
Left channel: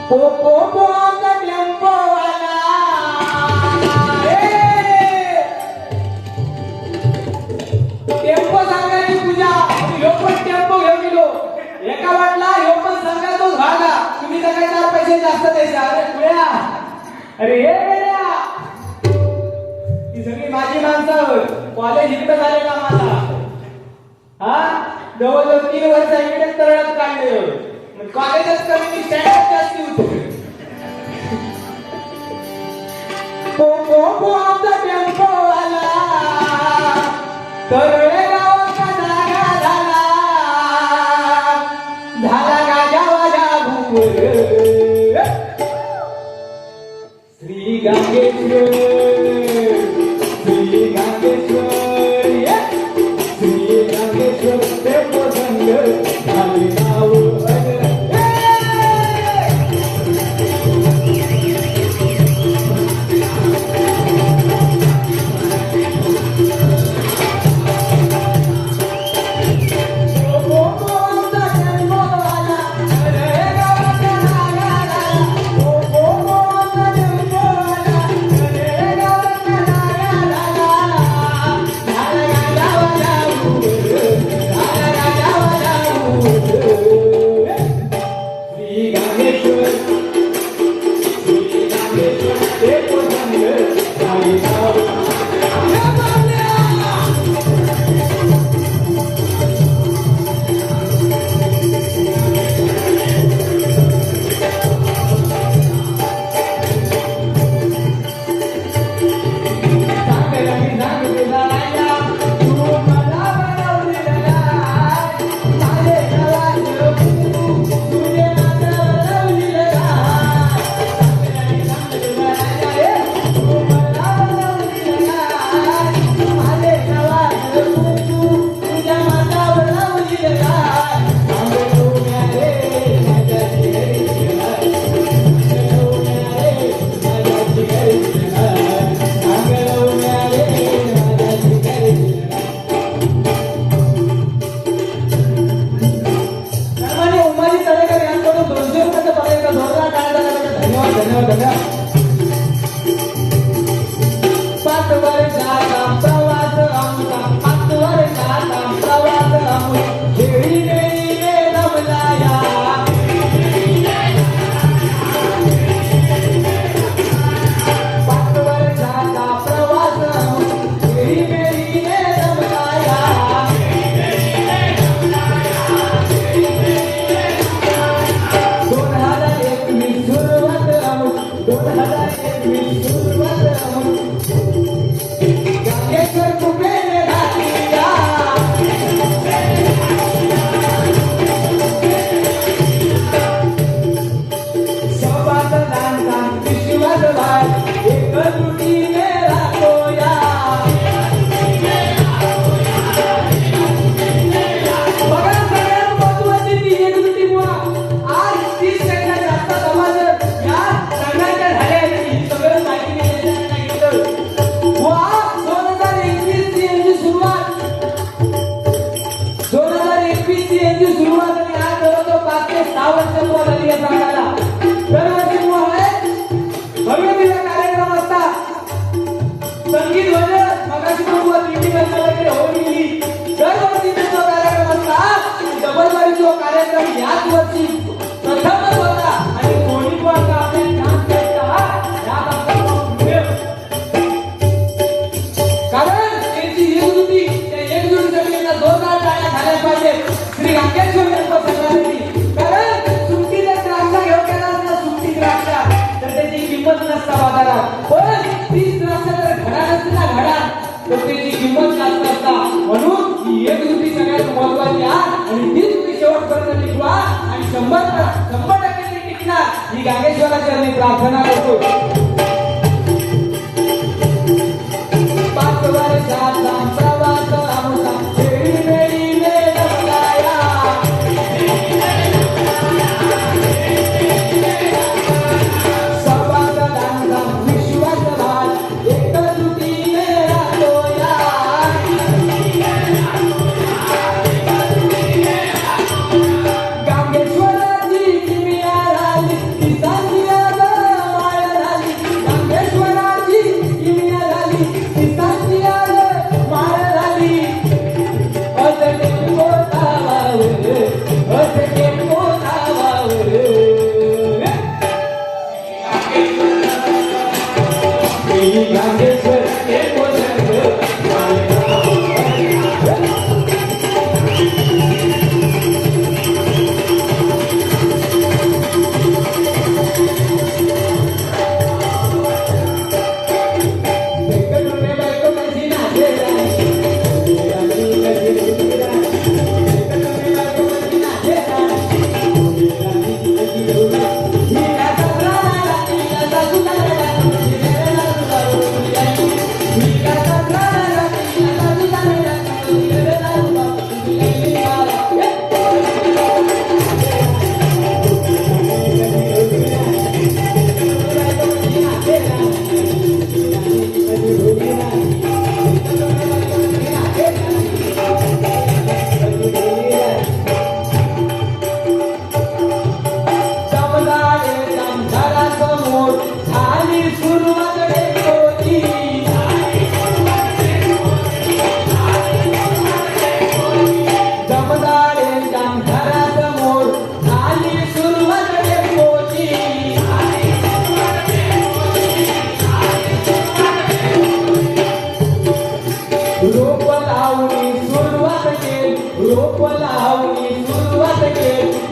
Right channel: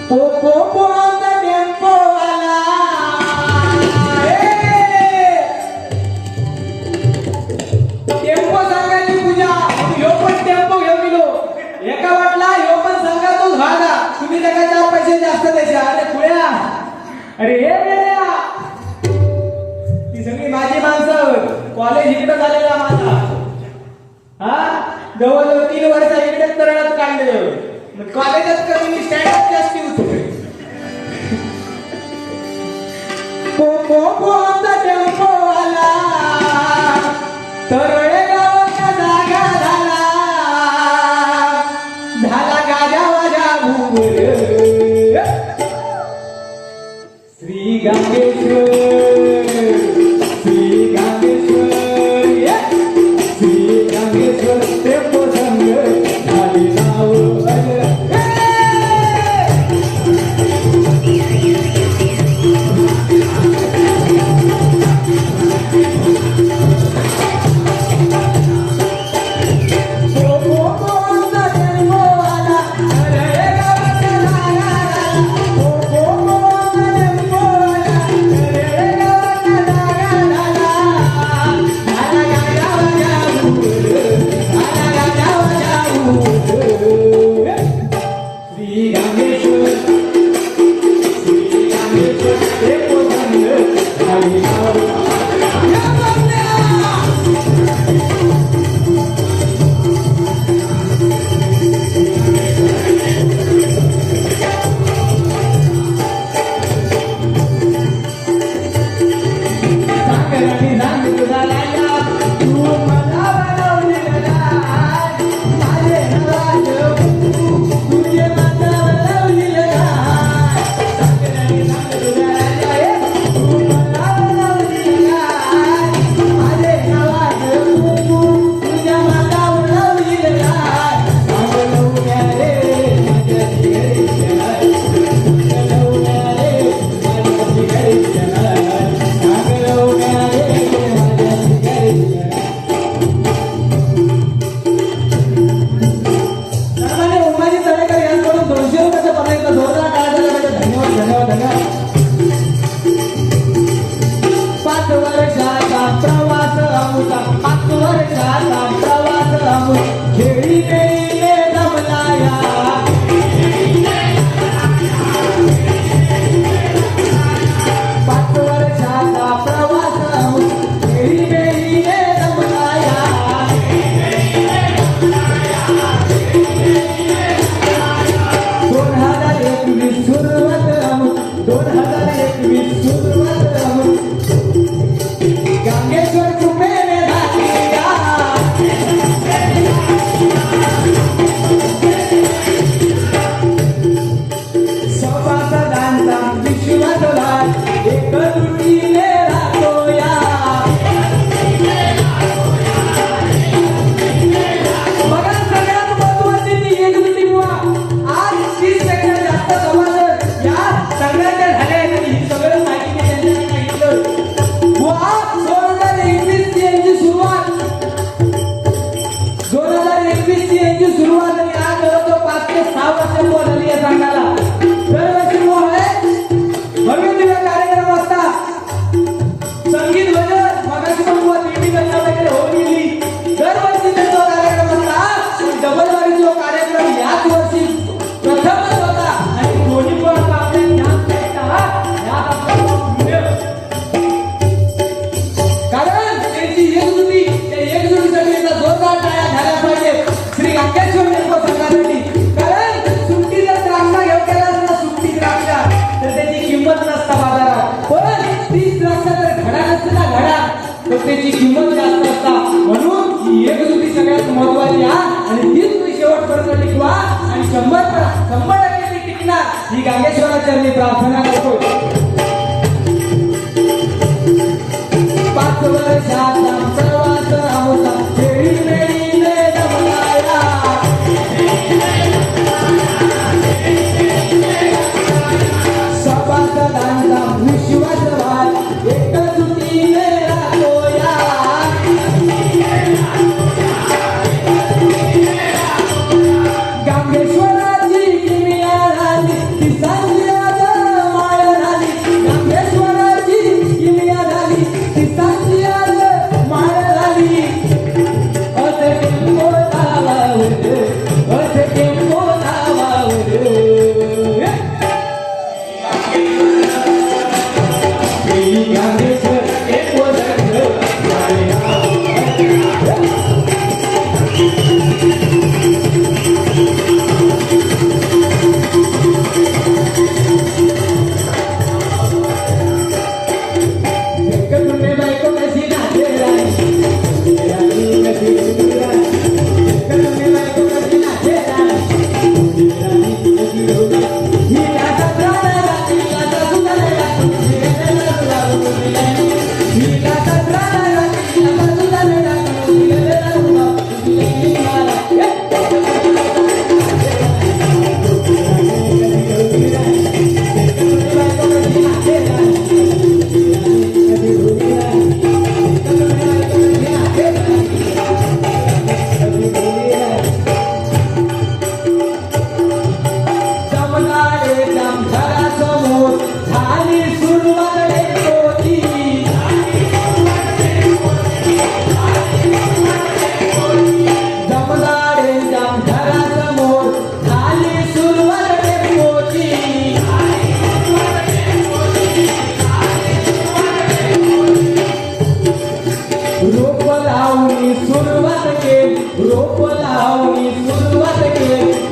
पो आमचा टेम्पो आला. टेम्पो सांगायची पूजा ह्यो पण टेम्पो घेऊन गेलो. एका वाटला ह्यो पण सांगा तोच भागा. तुम्ही सगळे 4 पैसे जास्त द्यायचे. अरे पुढे अरे हे ती सगळी माझी माणसं. कॉलेज इकडे झालेला माझा. हा जवळजवळ 3 वर्ष इकडेच तरणात काढले. कॉलेजच कमी मी स्टँडअप जास्ती होतो. आमचा टेम्पो आला तरोळे गावाचा जागा झाला गाजा वाजा भूगोल. श्री गांगेश्वर श्री गांगेश्वर श्री गांगेश्वर ते प्रसंग झाले नाव कार्यक्रम याच वर्षी प्रथमच होता आणि दोन्ही वर्ग आपल्या ज्ञान क्षेत्रात यात आपल्याला मिळेल. कारण त्यांची एकजुटी त्या एकजुटीसाठी एकदा जोरदार टाळ्या झाल्या पाहिजेत श्री गंगेश्वर निर्मल संघासाठी. कारण सुट्टीचा द्राक्ष घेऊन गेलास ना सुट्टी द्राक्ष तर त्याची किंमत नसता बाजारात. पण तीच द्राक्ष जर घडा नसते ना घडा तर त्याची किंमत जास्त असता. म्हणून ही एकजुटी सगळ्यात महत्वाची आहे आणि तीच तुम्ही शेवटपर्यंत टिकवा आणि 100% ती टिकणार ही गांगेश्वराच्या चरणी प्रार्थना करतो. 5 वर्षात आमचा वाचा होता खेळी मेळीने जमलाया. सर्वांचा दांडा विश्वास भाग एकजुटीने राहतोया. गांगेश्वराची किमिया झाली ती सांजी आज माया झाली. गांगेश्वराची किमिया झाली ती सांजी आज माया झाली. अजके मोठावावर अजके मोठावावर गांगेश्वर के मोठं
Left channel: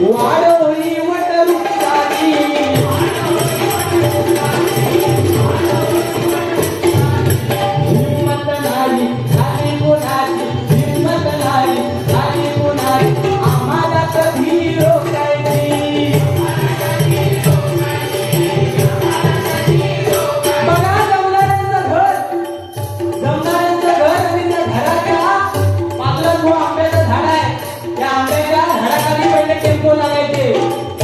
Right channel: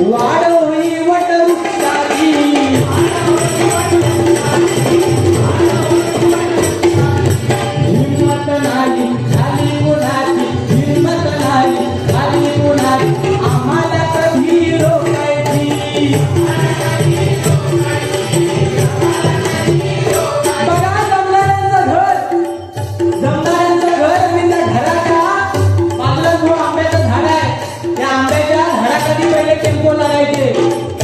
वाढवणी वटवृक्षाची. हिम्मत नाही झाली कोणाची हिम्मत नाही झाली कोणाची आम्हाला कधी रोखायची. बघा जमदारांचं घर मी त्या घराच्या बाजूला जो आंब्याचं झाड आहे त्या आंब्याच्या झाडाखाली पहिले टेम्पो लागायचे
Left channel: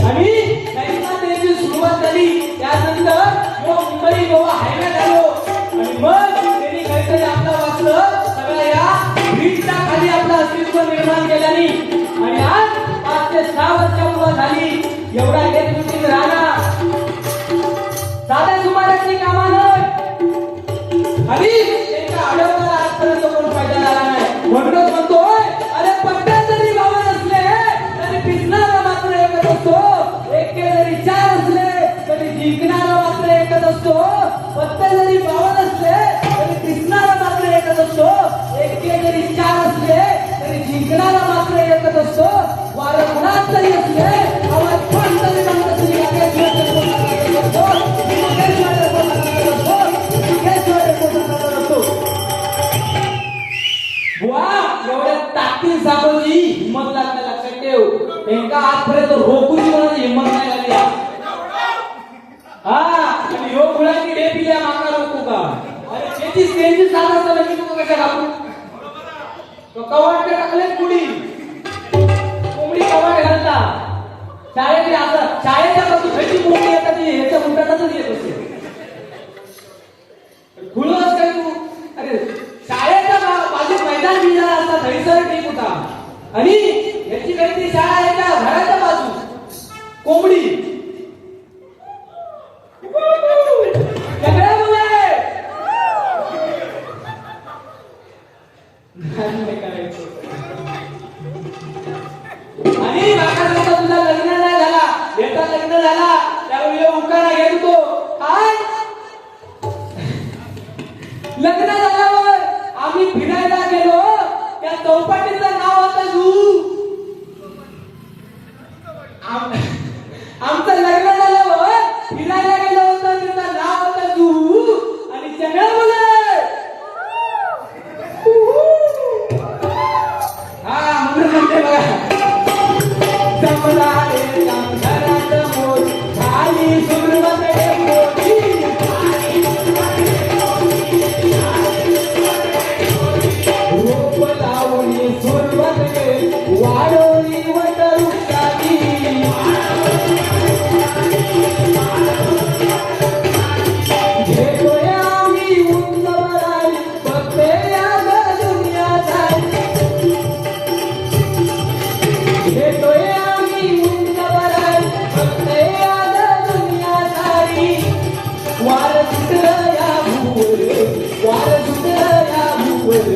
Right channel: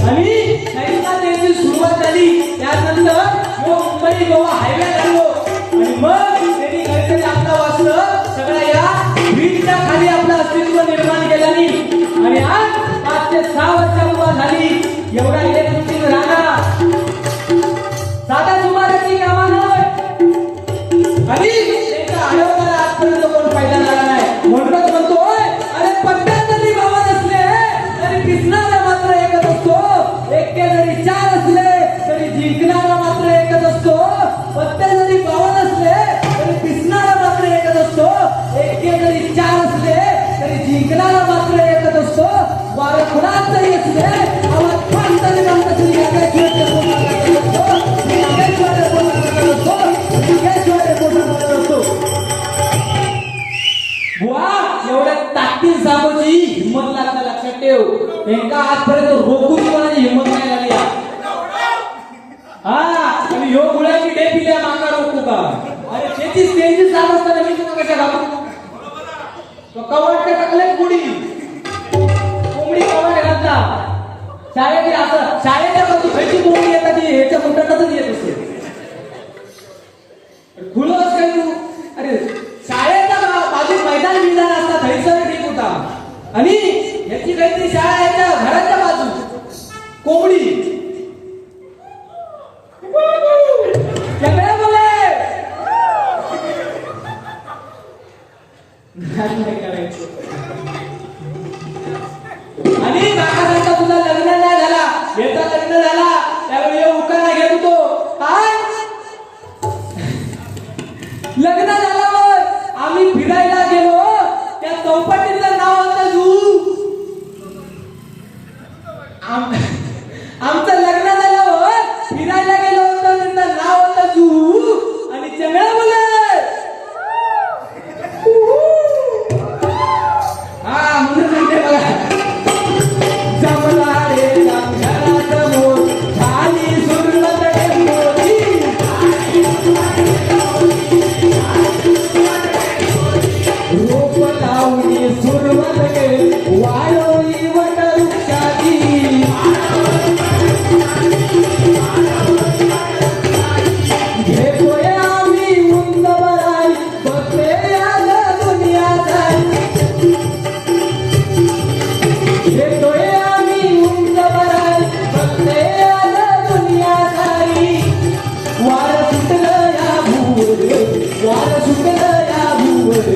आणि नाहीतर त्याची सुरुवात झाली. त्यानंतर मुंबई गोवा हायवे झालो आणि मग त्यांनी काहीतरी आपलं वाचलं सगळ्या या ब्रिजच्या खाली आपलं अस्तित्व निर्माण केलं नाही आणि आज 5 ते 6 वर्ष उभा झाली. एवढ्या एकजुटीत राहणार साध्या सुमाराची कामं नाही आणि त्यांच्या आढळताना आजपर्यंत कोण फायदा झाला नाही. म्हणूनच म्हणतोय अरे पट्ट्यात जरी भावा नसले तरी पिसणारा मात्र एकच असतो. एक्के जरी 4 असले तरी जिंकणारा मात्र एकच असतो. पत्ते जरी भावा नसले तरी पिसणारा मात्र एकच असतो. एक्के जरी 4 असले तरी जिंकणारा मात्र एकच असतो. वार कुणात जरी असले आवाज फार तरी नसलं तरी गांगेश्वराच्या पोटात असतो. गांगेश्वराच्या पोटात असतो. गांगेश्वराच्या पोटात असतो. बुवा एवढ्या ताकदीन सामोजी हिम्मत लागणं लक्षात ठेव. त्यांना आजपर्यंत रोखूची माझी हिम्मत नाही लागली. हा आणि ह्यो गुलाची डे पिल्या मागा रोखू का. अरे त्याची स्टेजची साम असताना मी तुम्हाला कशा घालू. तो कवाट ते टाकले पुडी कोंबडी कवाट घालता शाळेत असं शाळेच्या बाजू खायची मोठी एखादी ह्याच्या मुंडातच येत असते. फुलंच काय तू अरे शाळेच्या बाजू मैदान बिंदान असता थैसर ठीक होता आणि याची काहीतरी शाळा याच्या घराच्या बाजू कोंबडी सगळ्या मुले नाही करायचं आणि आमचं लग्न झाल्यावर फिरायला गेलो होतो. त्यांचं नाव होतं जुहू आणि चंगळा बोलत. हा म्हणून म्हणते बघा, जमला रे समोर झाली सुरुवात मोठी. रोप लावली सुरुवात वाढवली वट वृक्षाची. घेतोय आम्ही उंच बराई बघते आलं दुनियादारी. घेतोय आम्ही उंच बराई बघते आलं दुनियादारी. वार सुटलं या भूवर, वार सुटलं या भूवर.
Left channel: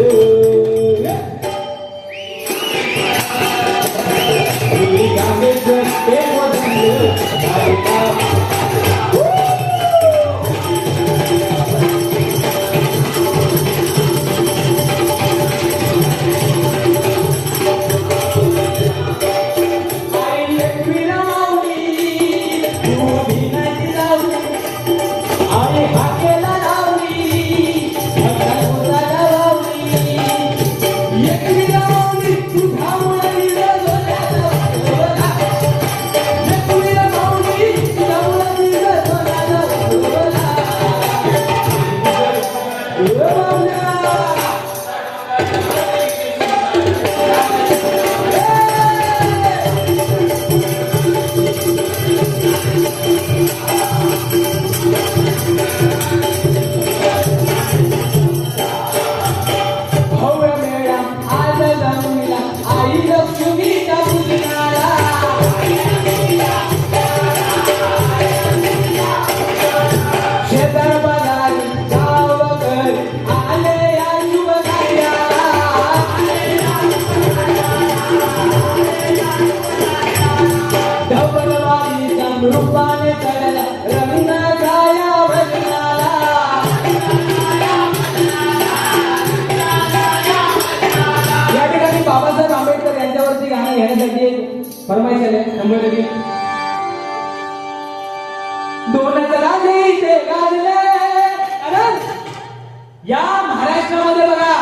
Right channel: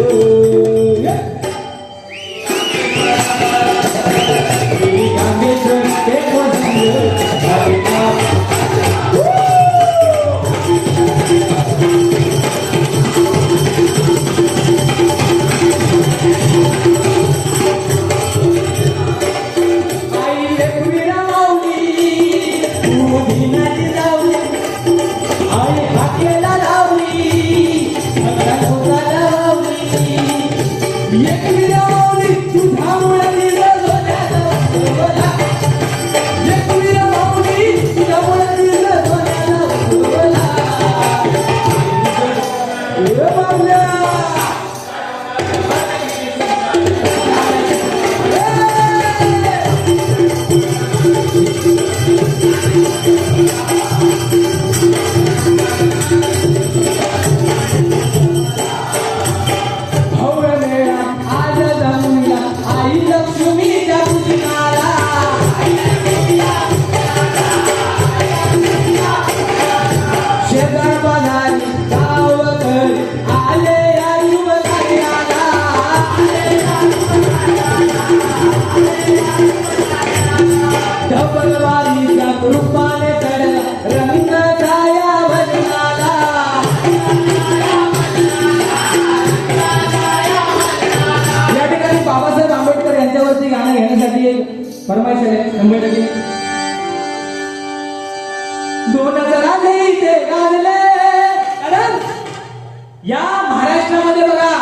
या महाराष्ट्रामध्ये बघा,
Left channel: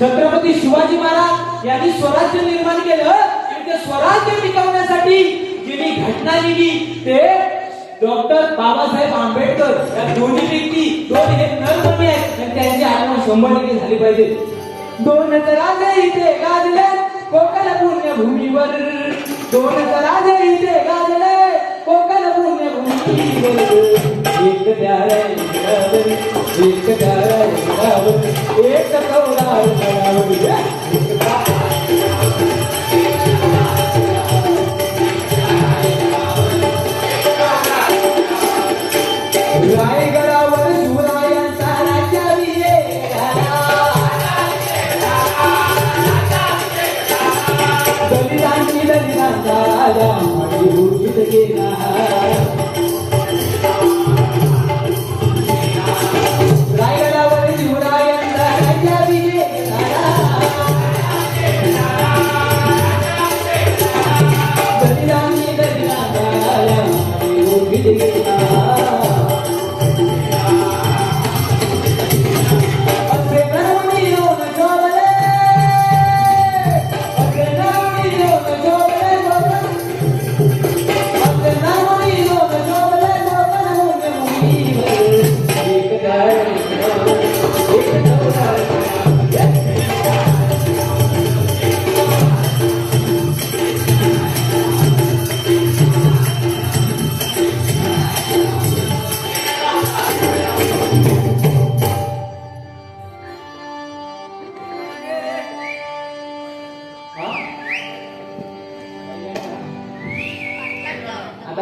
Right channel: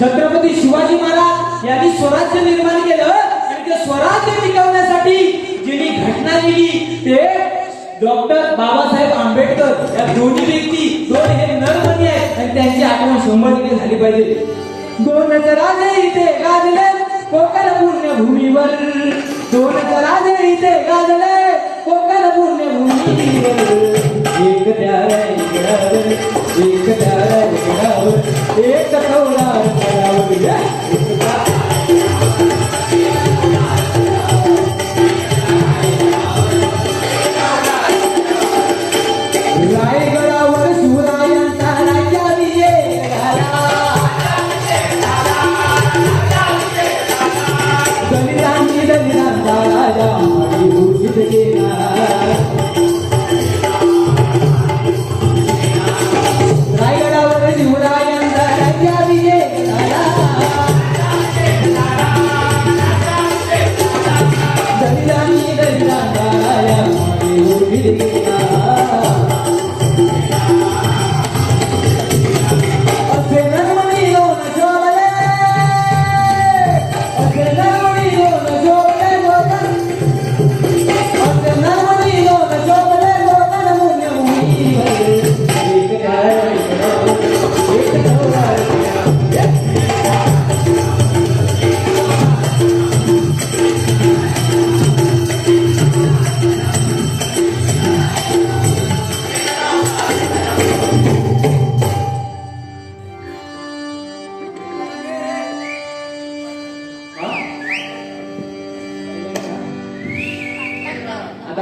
छत्रपती शिवाजी महाराज यांनी स्वराज्य निर्माण केलं आणि ते स्वराज्य टिकवण्यासाठी जी घटना लिहिली ते डॉक्टर बाबासाहेब आंबेडकर. या दोन्ही व्यक्ती दोन हे नरमणी आहेत आणि त्यांची आठवण 100% झाली पाहिजे. दोन राजे इथे गाजले कोकण पुण्यभूमीवर. दोन राजे इथे गाजले कोकण पुण्यभूमीवर. एक त्याला एक त्याला एक कौलावर रायगडावर शिवरायांचा राज्याभिषेक झाला. दलितांनी दलितांचा राजा आणि घोषित केला. रायगडावर शिवरायांचा राज्याभिषेक झाला. दलितांनी दलितांचा राजा आणि घोषित केला.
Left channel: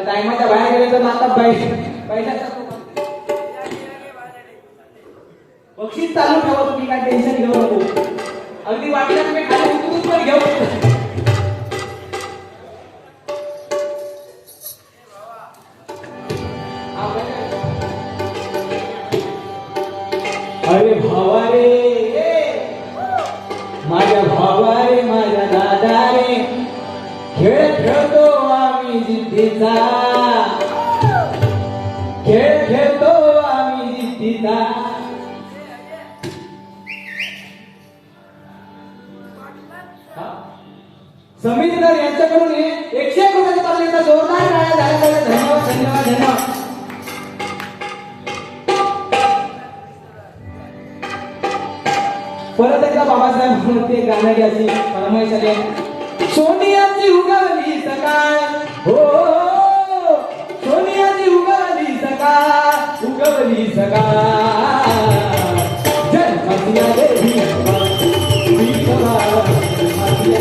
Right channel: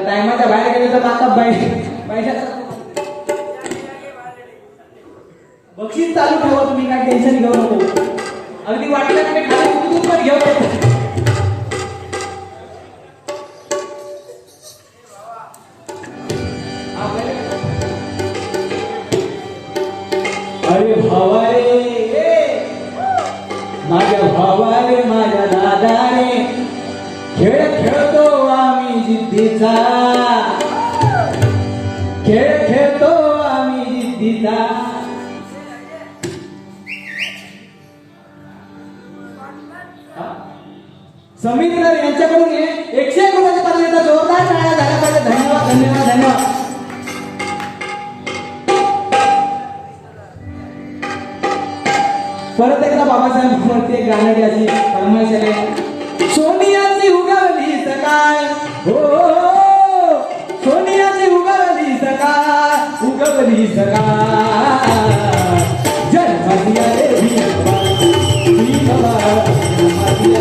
टायमाच्या बाहेर गेले तर आता बक्षीस चालू ठेवा. तुम्ही काय टेन्शन घेऊ नको. अगदी वाटलं मी खाली पण घेऊ नको. अरे भावा रे माझ्या भावा रे माझ्या दादा रे खेळ खेळतो आम्ही जिद्दीचा खेळ खेळतो आम्ही जिद्दीचा. समीर यांच्याकडून 101 रुपयाचा पार्टीचा जोरदार टाळ्या झाला पाहिजे. धन्यवाद धन्यवाद धन्यवाद. परत एकदा बाबासाहेब म्हणते गाण्याची अशी फरमाईश आली. सोनियाची उगवली सकाळ हो सोनियाची उगवली सकाळ उगवली सकाळ जन्मदिया रे जन्मदिया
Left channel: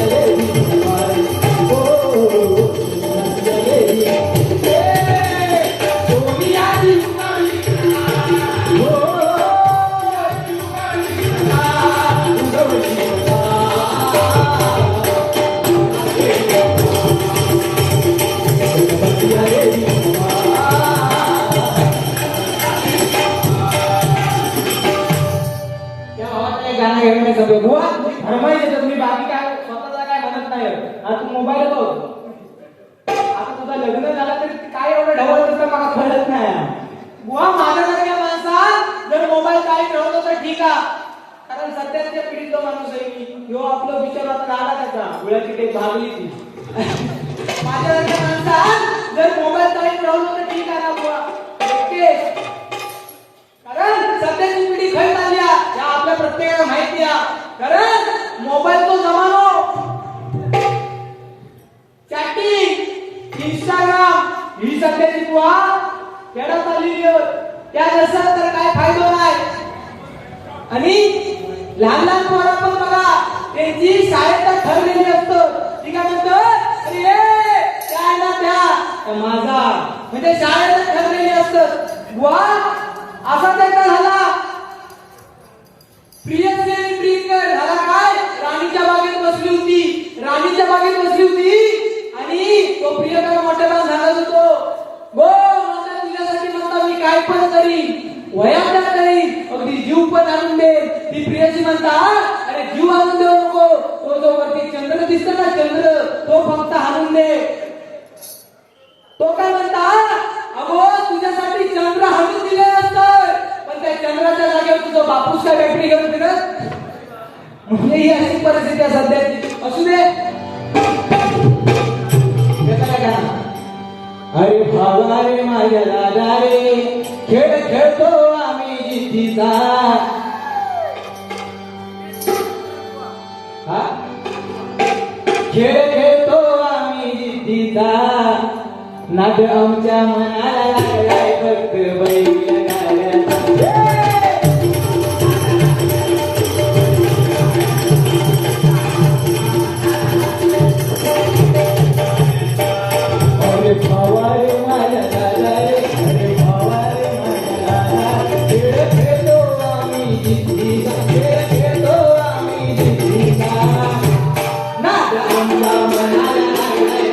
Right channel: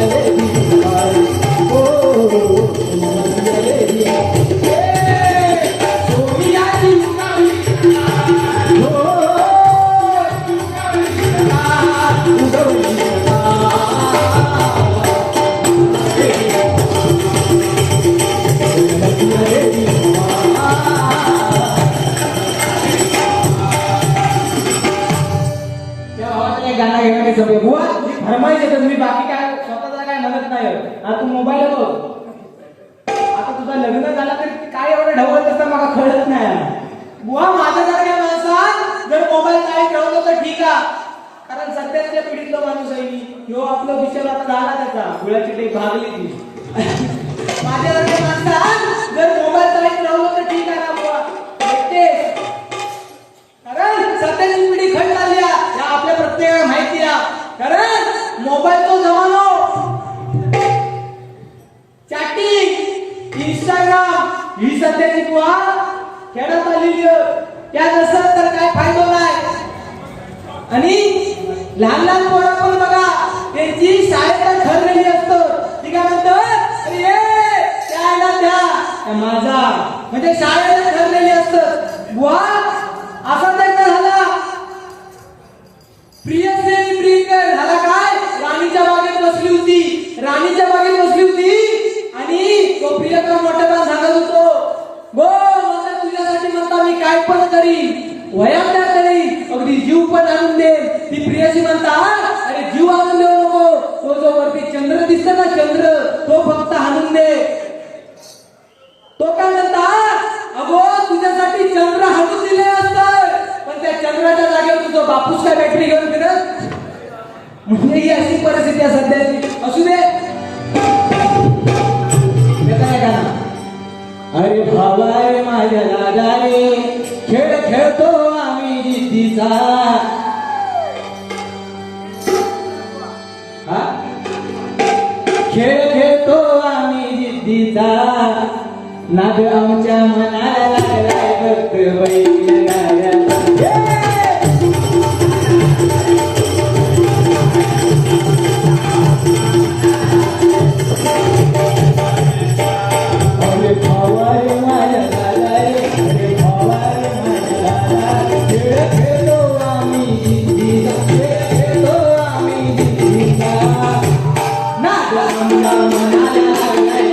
रे फरमाईश येतात. मी बाकी काय स्वतःचा काय म्हणत नाही. आता तू मोबाईल होतो आता तुझा लग्न झाला तरी काय एवढं ढवळ दिसतं मला कळत नाही. बुवा माझ्यासारख्या माणसात जर मोबाईल काय ठेवतो तर ठीक आहे, कारण सध्याच्या पिढीचा माणूस आहे मी. ह्यो आपला विचार आता झाला त्याचा गुळाची टेप भागली ती. माझ्यासारख्या माणसात जर मोबाईल काय ठेवलं तर ठीक आहे ना बुवा. कारण सध्याची पिढी खरी झाली आहे या आपल्या प्रत्येकाला माहिती आहे. कारण मोबाईल तो जमानो चॅटिंग इंस्टाग्राम ही सध्याची बुवा खेळत आलेली त्या नसत तर काय फायदा नाही. आणि लहान लहान पोरं पण बघा त्यांची शाळेत ठरलेली असतं. ती काय म्हणतं अरे त्याला त्या माझा म्हणजे शाळेत ठरलेली असतं. बुवा असा त्यांना झाला प्रियसी प्रियकर झाला काय राणीच्या बागेत बसली होती. राणीच्या बागेत बसली होती आणि तो प्रियकर मोठ्याला सांगत होतो गो मोठ्या तुझ्यासाठी म्हणता मी काय पण करीन वयाच्या तरी अगदी जीव पण आणून दे. ती प्रियसी म्हणता अरे जीव आणून देऊ नको, तो जो वरती चंद्र दिसतो ना चंद्र तो फक्त आणून दे. तो काय म्हणता अगो तुझ्यासाठी चंद्र हाणून दिले असतात पण त्या चंद्राच्या जागेवर तुझं बापूस काय बॅटरी घेऊन फिरत. म्हणजे ही अशी परिस्थिती सध्याची असू दे. अरे भावा रे माझ्या राजा रे खेळ खेळतो आम्ही जिद्दीचा. खेळ खेळतो आम्ही जिद्दीचा. नाद आमच्या मनाला लागलाय फक्त बैल गाड्याचा. अरे भावा रे माझ्या दादा रे अरे भावा रे माझ्या दादा खेळ खेळतो आम्ही जिद्दीचा. खेळ खेळतो आम्ही जिद्दीचा. नाद आमच्या मनाला लागलाय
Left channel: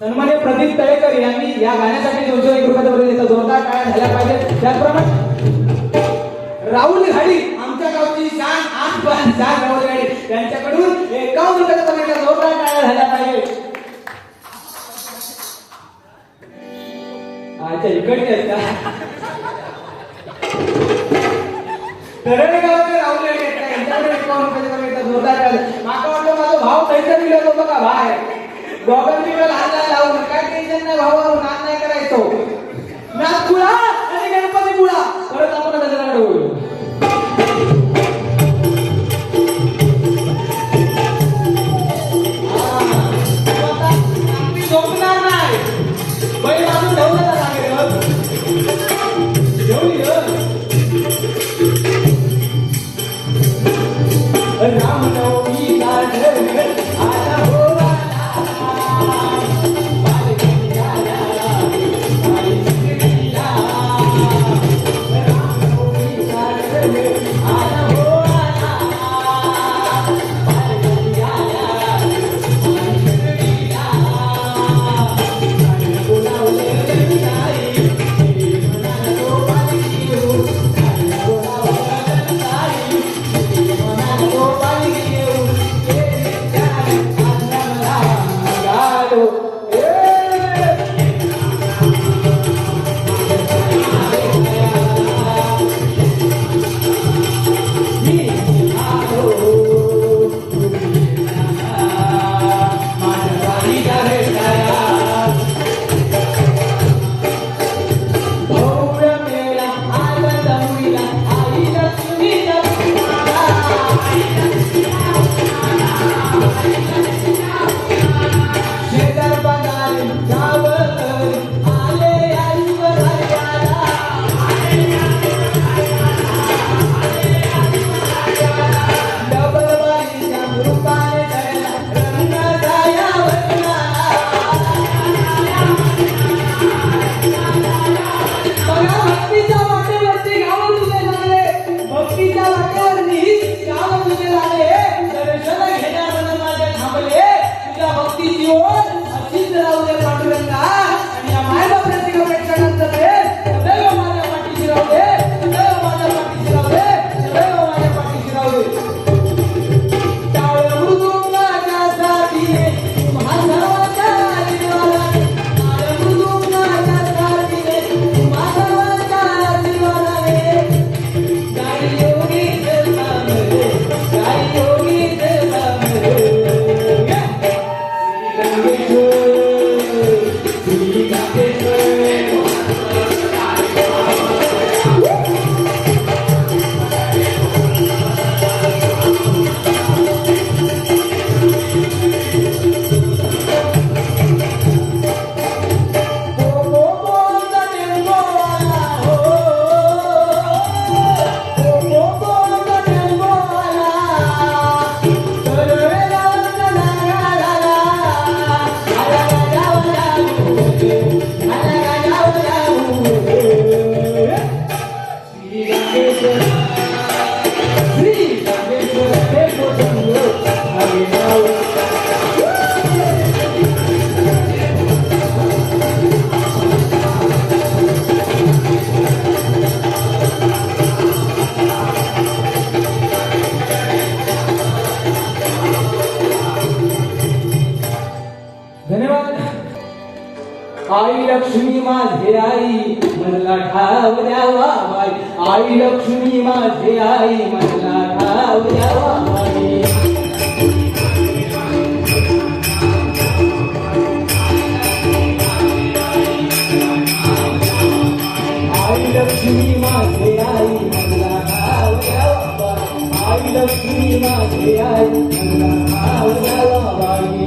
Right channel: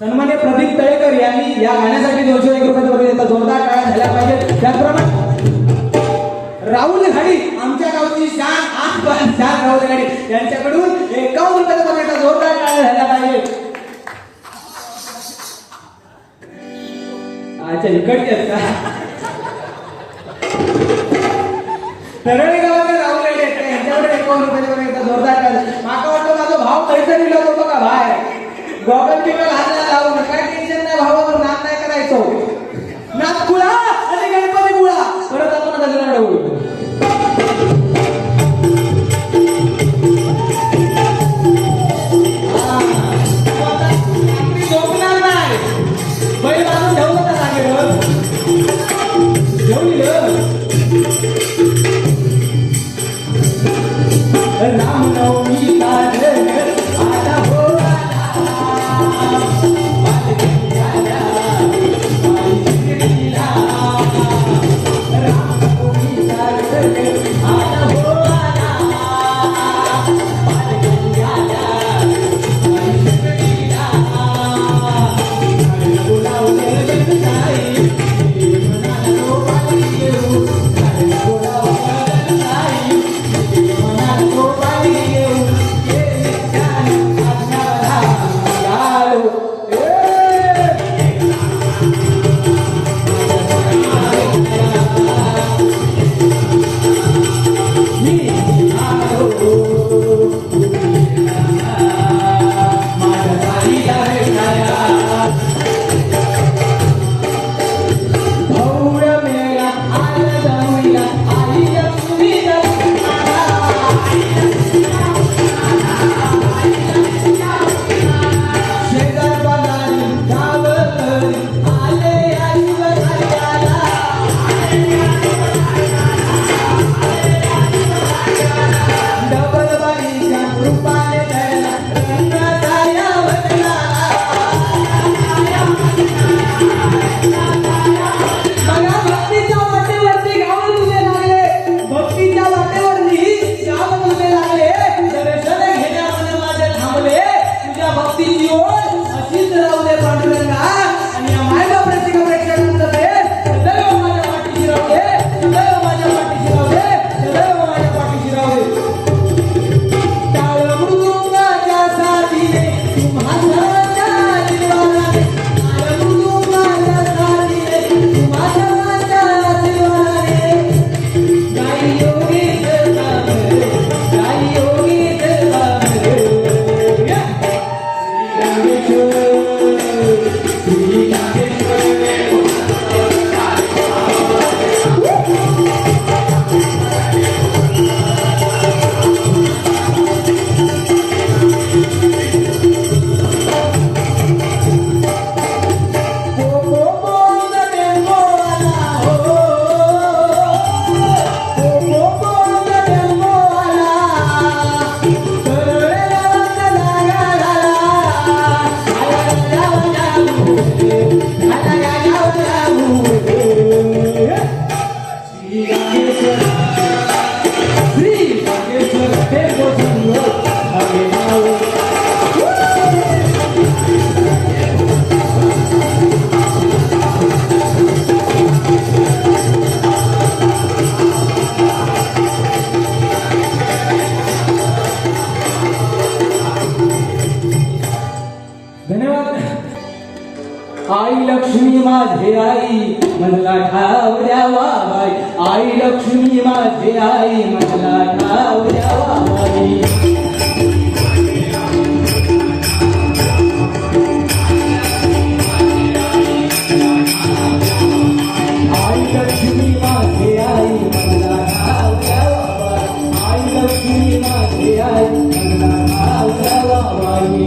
सन्मान्य प्रदीप तळेकर यांनी या गाण्यासाठी 201 रुपयाचा वगैरे देतात. जोरदार टाळ्या झाल्या पाहिजेत. त्याचप्रमाणे राहुल घाडी आमच्या गावची शान राहुल घाडी यांच्याकडून 51 रुपयाचा वगैरे जोरदार टाळ्या झाल्या पाहिजेत. अच्छा इकडचे आहेत का तरळी गावाकडे राहुल घाडी आहेत का यांच्याकडे 51 रुपयाचा वगैरे जोरदार टाळ्या. माका वाटतं माझा भाव पैसा दिला होतो बघा बाहेर गॉगल बिगल हातला लावून काय टेन्शन नाही भावा. नाद नाही करायचो. नाद गुळा आणि गणपती गुळा परत आपण गजराकडे वळू. आई लक्ष्मी माझे आई मला ठाव द्यावा बाई आई लक्ष्मी माझे आई मला ठाव द्यावा बाई आई लक्ष्मी माझे आई मला ठाव द्यावा बाई आई लक्ष्मी माझे आई मला ठाव द्यावा बाई